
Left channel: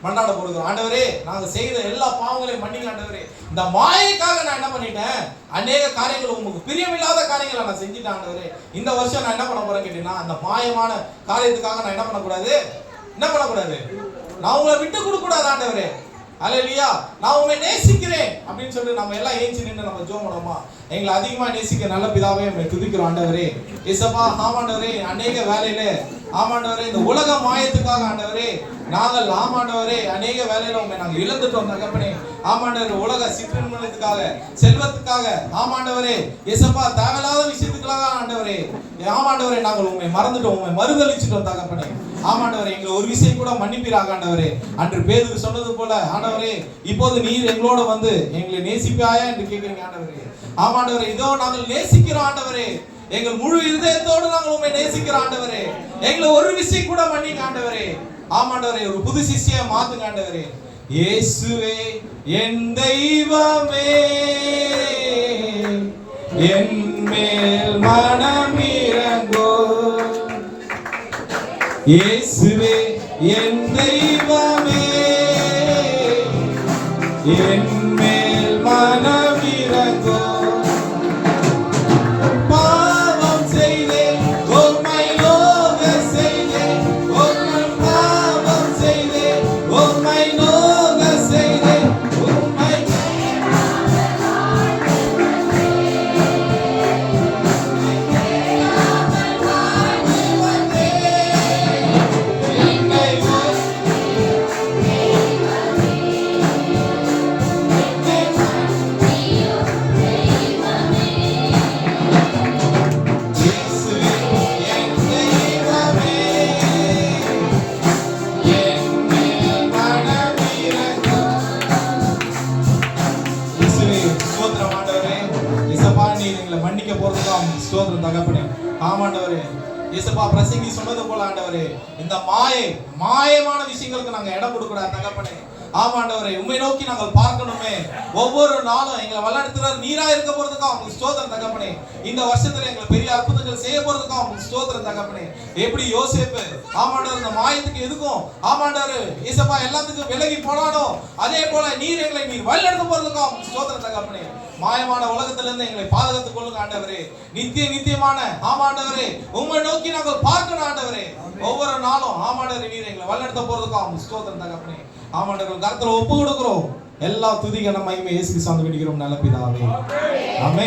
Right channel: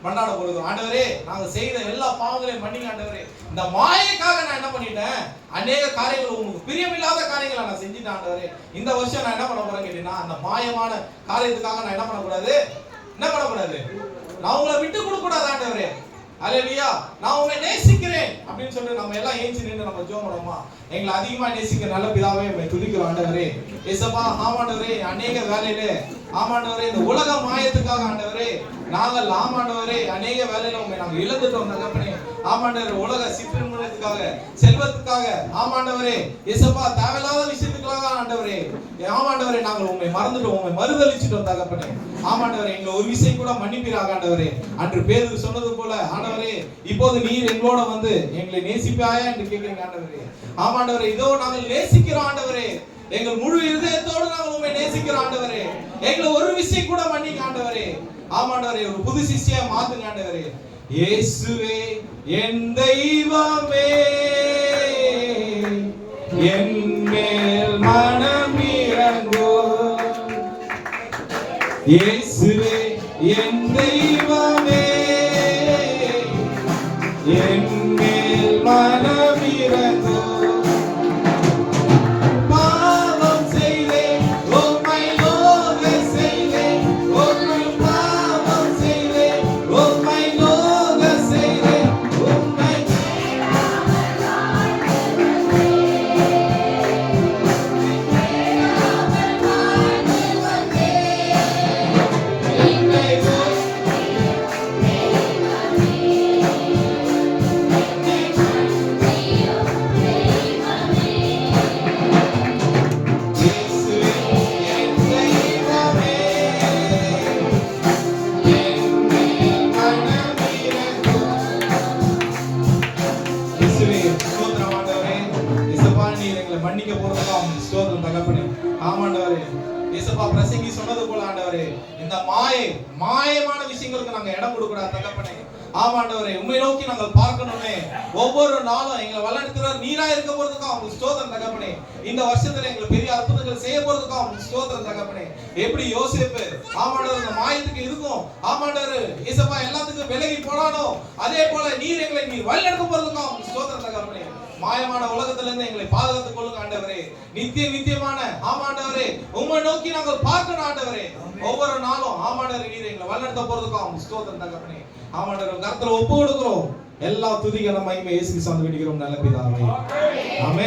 மன்றாட போறது, ஆண்டவரே நாங்க செய்த எல்லா பாவங்களையும் மன்னிங்க ஆண்டவரே, இந்த மாயைக்காக நான் என்ன பண்ணிட்டேன், அநேக காரியங்கள் உங்களுக்கு பிரியமில்லாத காரியங்களை நான் செஞ்சுட்டேன் ஆண்டவரே. இந்த வருஷம் நான் என்ன பண்ண போறேன் கேட்டீங்கன்னா, அந்த மாயமான காரியத்துக்காக நான் என்ன பண்ணக்கூடாது, நான் உங்களை விட்டு கொடுக்க கூடாது ஆண்டவரே. ஹalleluya. நான் உம்மை நேசிக்கிறேன் அப்படின்னு சொல்லி நம்ம எல்லாம் ஏஞ்சி நின்று நம்ம ஜெபம் பண்ணுவோமா, எங்களை அதிகமா நேசிக்க நல்ல பிதாவே உம்மை துதிக்கிறோம் ஆண்டவரே. இயேசுவா, ஆமாண்டவரே, அநேக வேலையில ஆமாண்டவரே இந்த உலக மாயத்துக்காக ஆண்டவரே நாங்கள் ஆமாண்டவரே அநேக வேலையில உம்மை நாங்கள் இழந்துட்டோம் தகப்பனே. ஆமாண்டவரே, உலக சிற்றின்பத்துக்காக, செல்வத்துக்காக, ஆமாண்டவரே இயேசுவா, தேவையில்லாத விஷயத்துக்காக ஆண்டவரே, ஆமாண்டவரே நாங்கள் உம்மை மறந்துட்டோம், உம்மை மறுதலிச்சிட்டோம் தகப்பனே. ஆமாண்டவரே, எங்களை ஒரு விஷயம் கூட மன்னிப்பீராக ஆண்டவரே. அன்று பேதுரு சொன்னது போல ஆண்டவரே, இப்போது நீர் எங்களோட வந்து எங்களை நேசிப்பாயா என்று கேட்கிறீங்க ஆண்டவரே. ஆமாண்டவரே, இதோ நாங்கள் நேசிக்கிறோம் ஆண்டவரே, எங்கள் முழு இதயத்தோடு நாங்கள் உம்மை நேசிக்கிறோம் ஆண்டவரே. எங்களை ஒரு விஷயம் கூட மன்னிங்க ஆண்டவரே. ஆமாண்டவரே, ஒரு புது சிஷ்யை மாத்துங்க ஆண்டவரே. இயேசுவே என் தெய்வமே, என் மேல் மனமிரங்கோ. இயேசுவே என் தெய்வமே, என் மேல் மனமிரங்கோ. பாவம் செய்தேன், உம்மை நோக செய்தேன், உம்மை பாவம் செய்தேன், உம்மை நோக செய்தேன், உம்மை மாயமான விஷயங்களுக்கு நாங்க இடம் கொடுக்கூடாது தகப்பனே. ஆமாண்டவரே உம்மை நோக்கி நாங்கள் பார்க்கணுமே. ஒவ்வொரு நாளும் எங்களை வழிநடத்துற நீரா இருக்க போறதுக்காக உங்களுக்கு ஸ்தோத்திரம் தகப்பனே. இந்த வருஷத்துல எங்களுக்கு பெரிய அற்புதங்கள் செய்ய போறதுக்காக உங்களுக்கு ஸ்தோத்திரம் தகப்பனே. எப்படி யோசேப்பு ஆமாண்டவர் இந்த மாயத்துக்கு எதுக்கும் ஆமாண்டவர் இயேசுப்பா எல்லாத்துக்கும் விலகி போனானோ அதே போல நீர் எங்களை நீர் வழிநடத்த போறதுக்காக உங்களுக்கு ஸ்தோத்திரம் தகப்பனே. மாயமான உலகத்துல இருந்து எங்களை பாதுகாத்துக் கொள்ளுங்க ஆண்டவரே. நித்தியமான ஆமாண்டவரே உம்மை நோக்கி நாங்கள் பார்க்கணும் ஆண்டவரே. ஒவ்வொரு நாளும் ஆமாண்டவரே நீர் எங்களை வழிநடத்த போறதுக்காக உங்களுக்கு ஸ்தோத்திரம் தகப்பனே. ஆமாண்டவரே கர்த்தரை ஒப்பு கொடுக்கிறோம். எல்லா துதிகன மகிமை இயேசு கிறிஸ்துவுக்கு வேண்டிக்கிறோம் நல்ல பிதாவே. ஆமென்.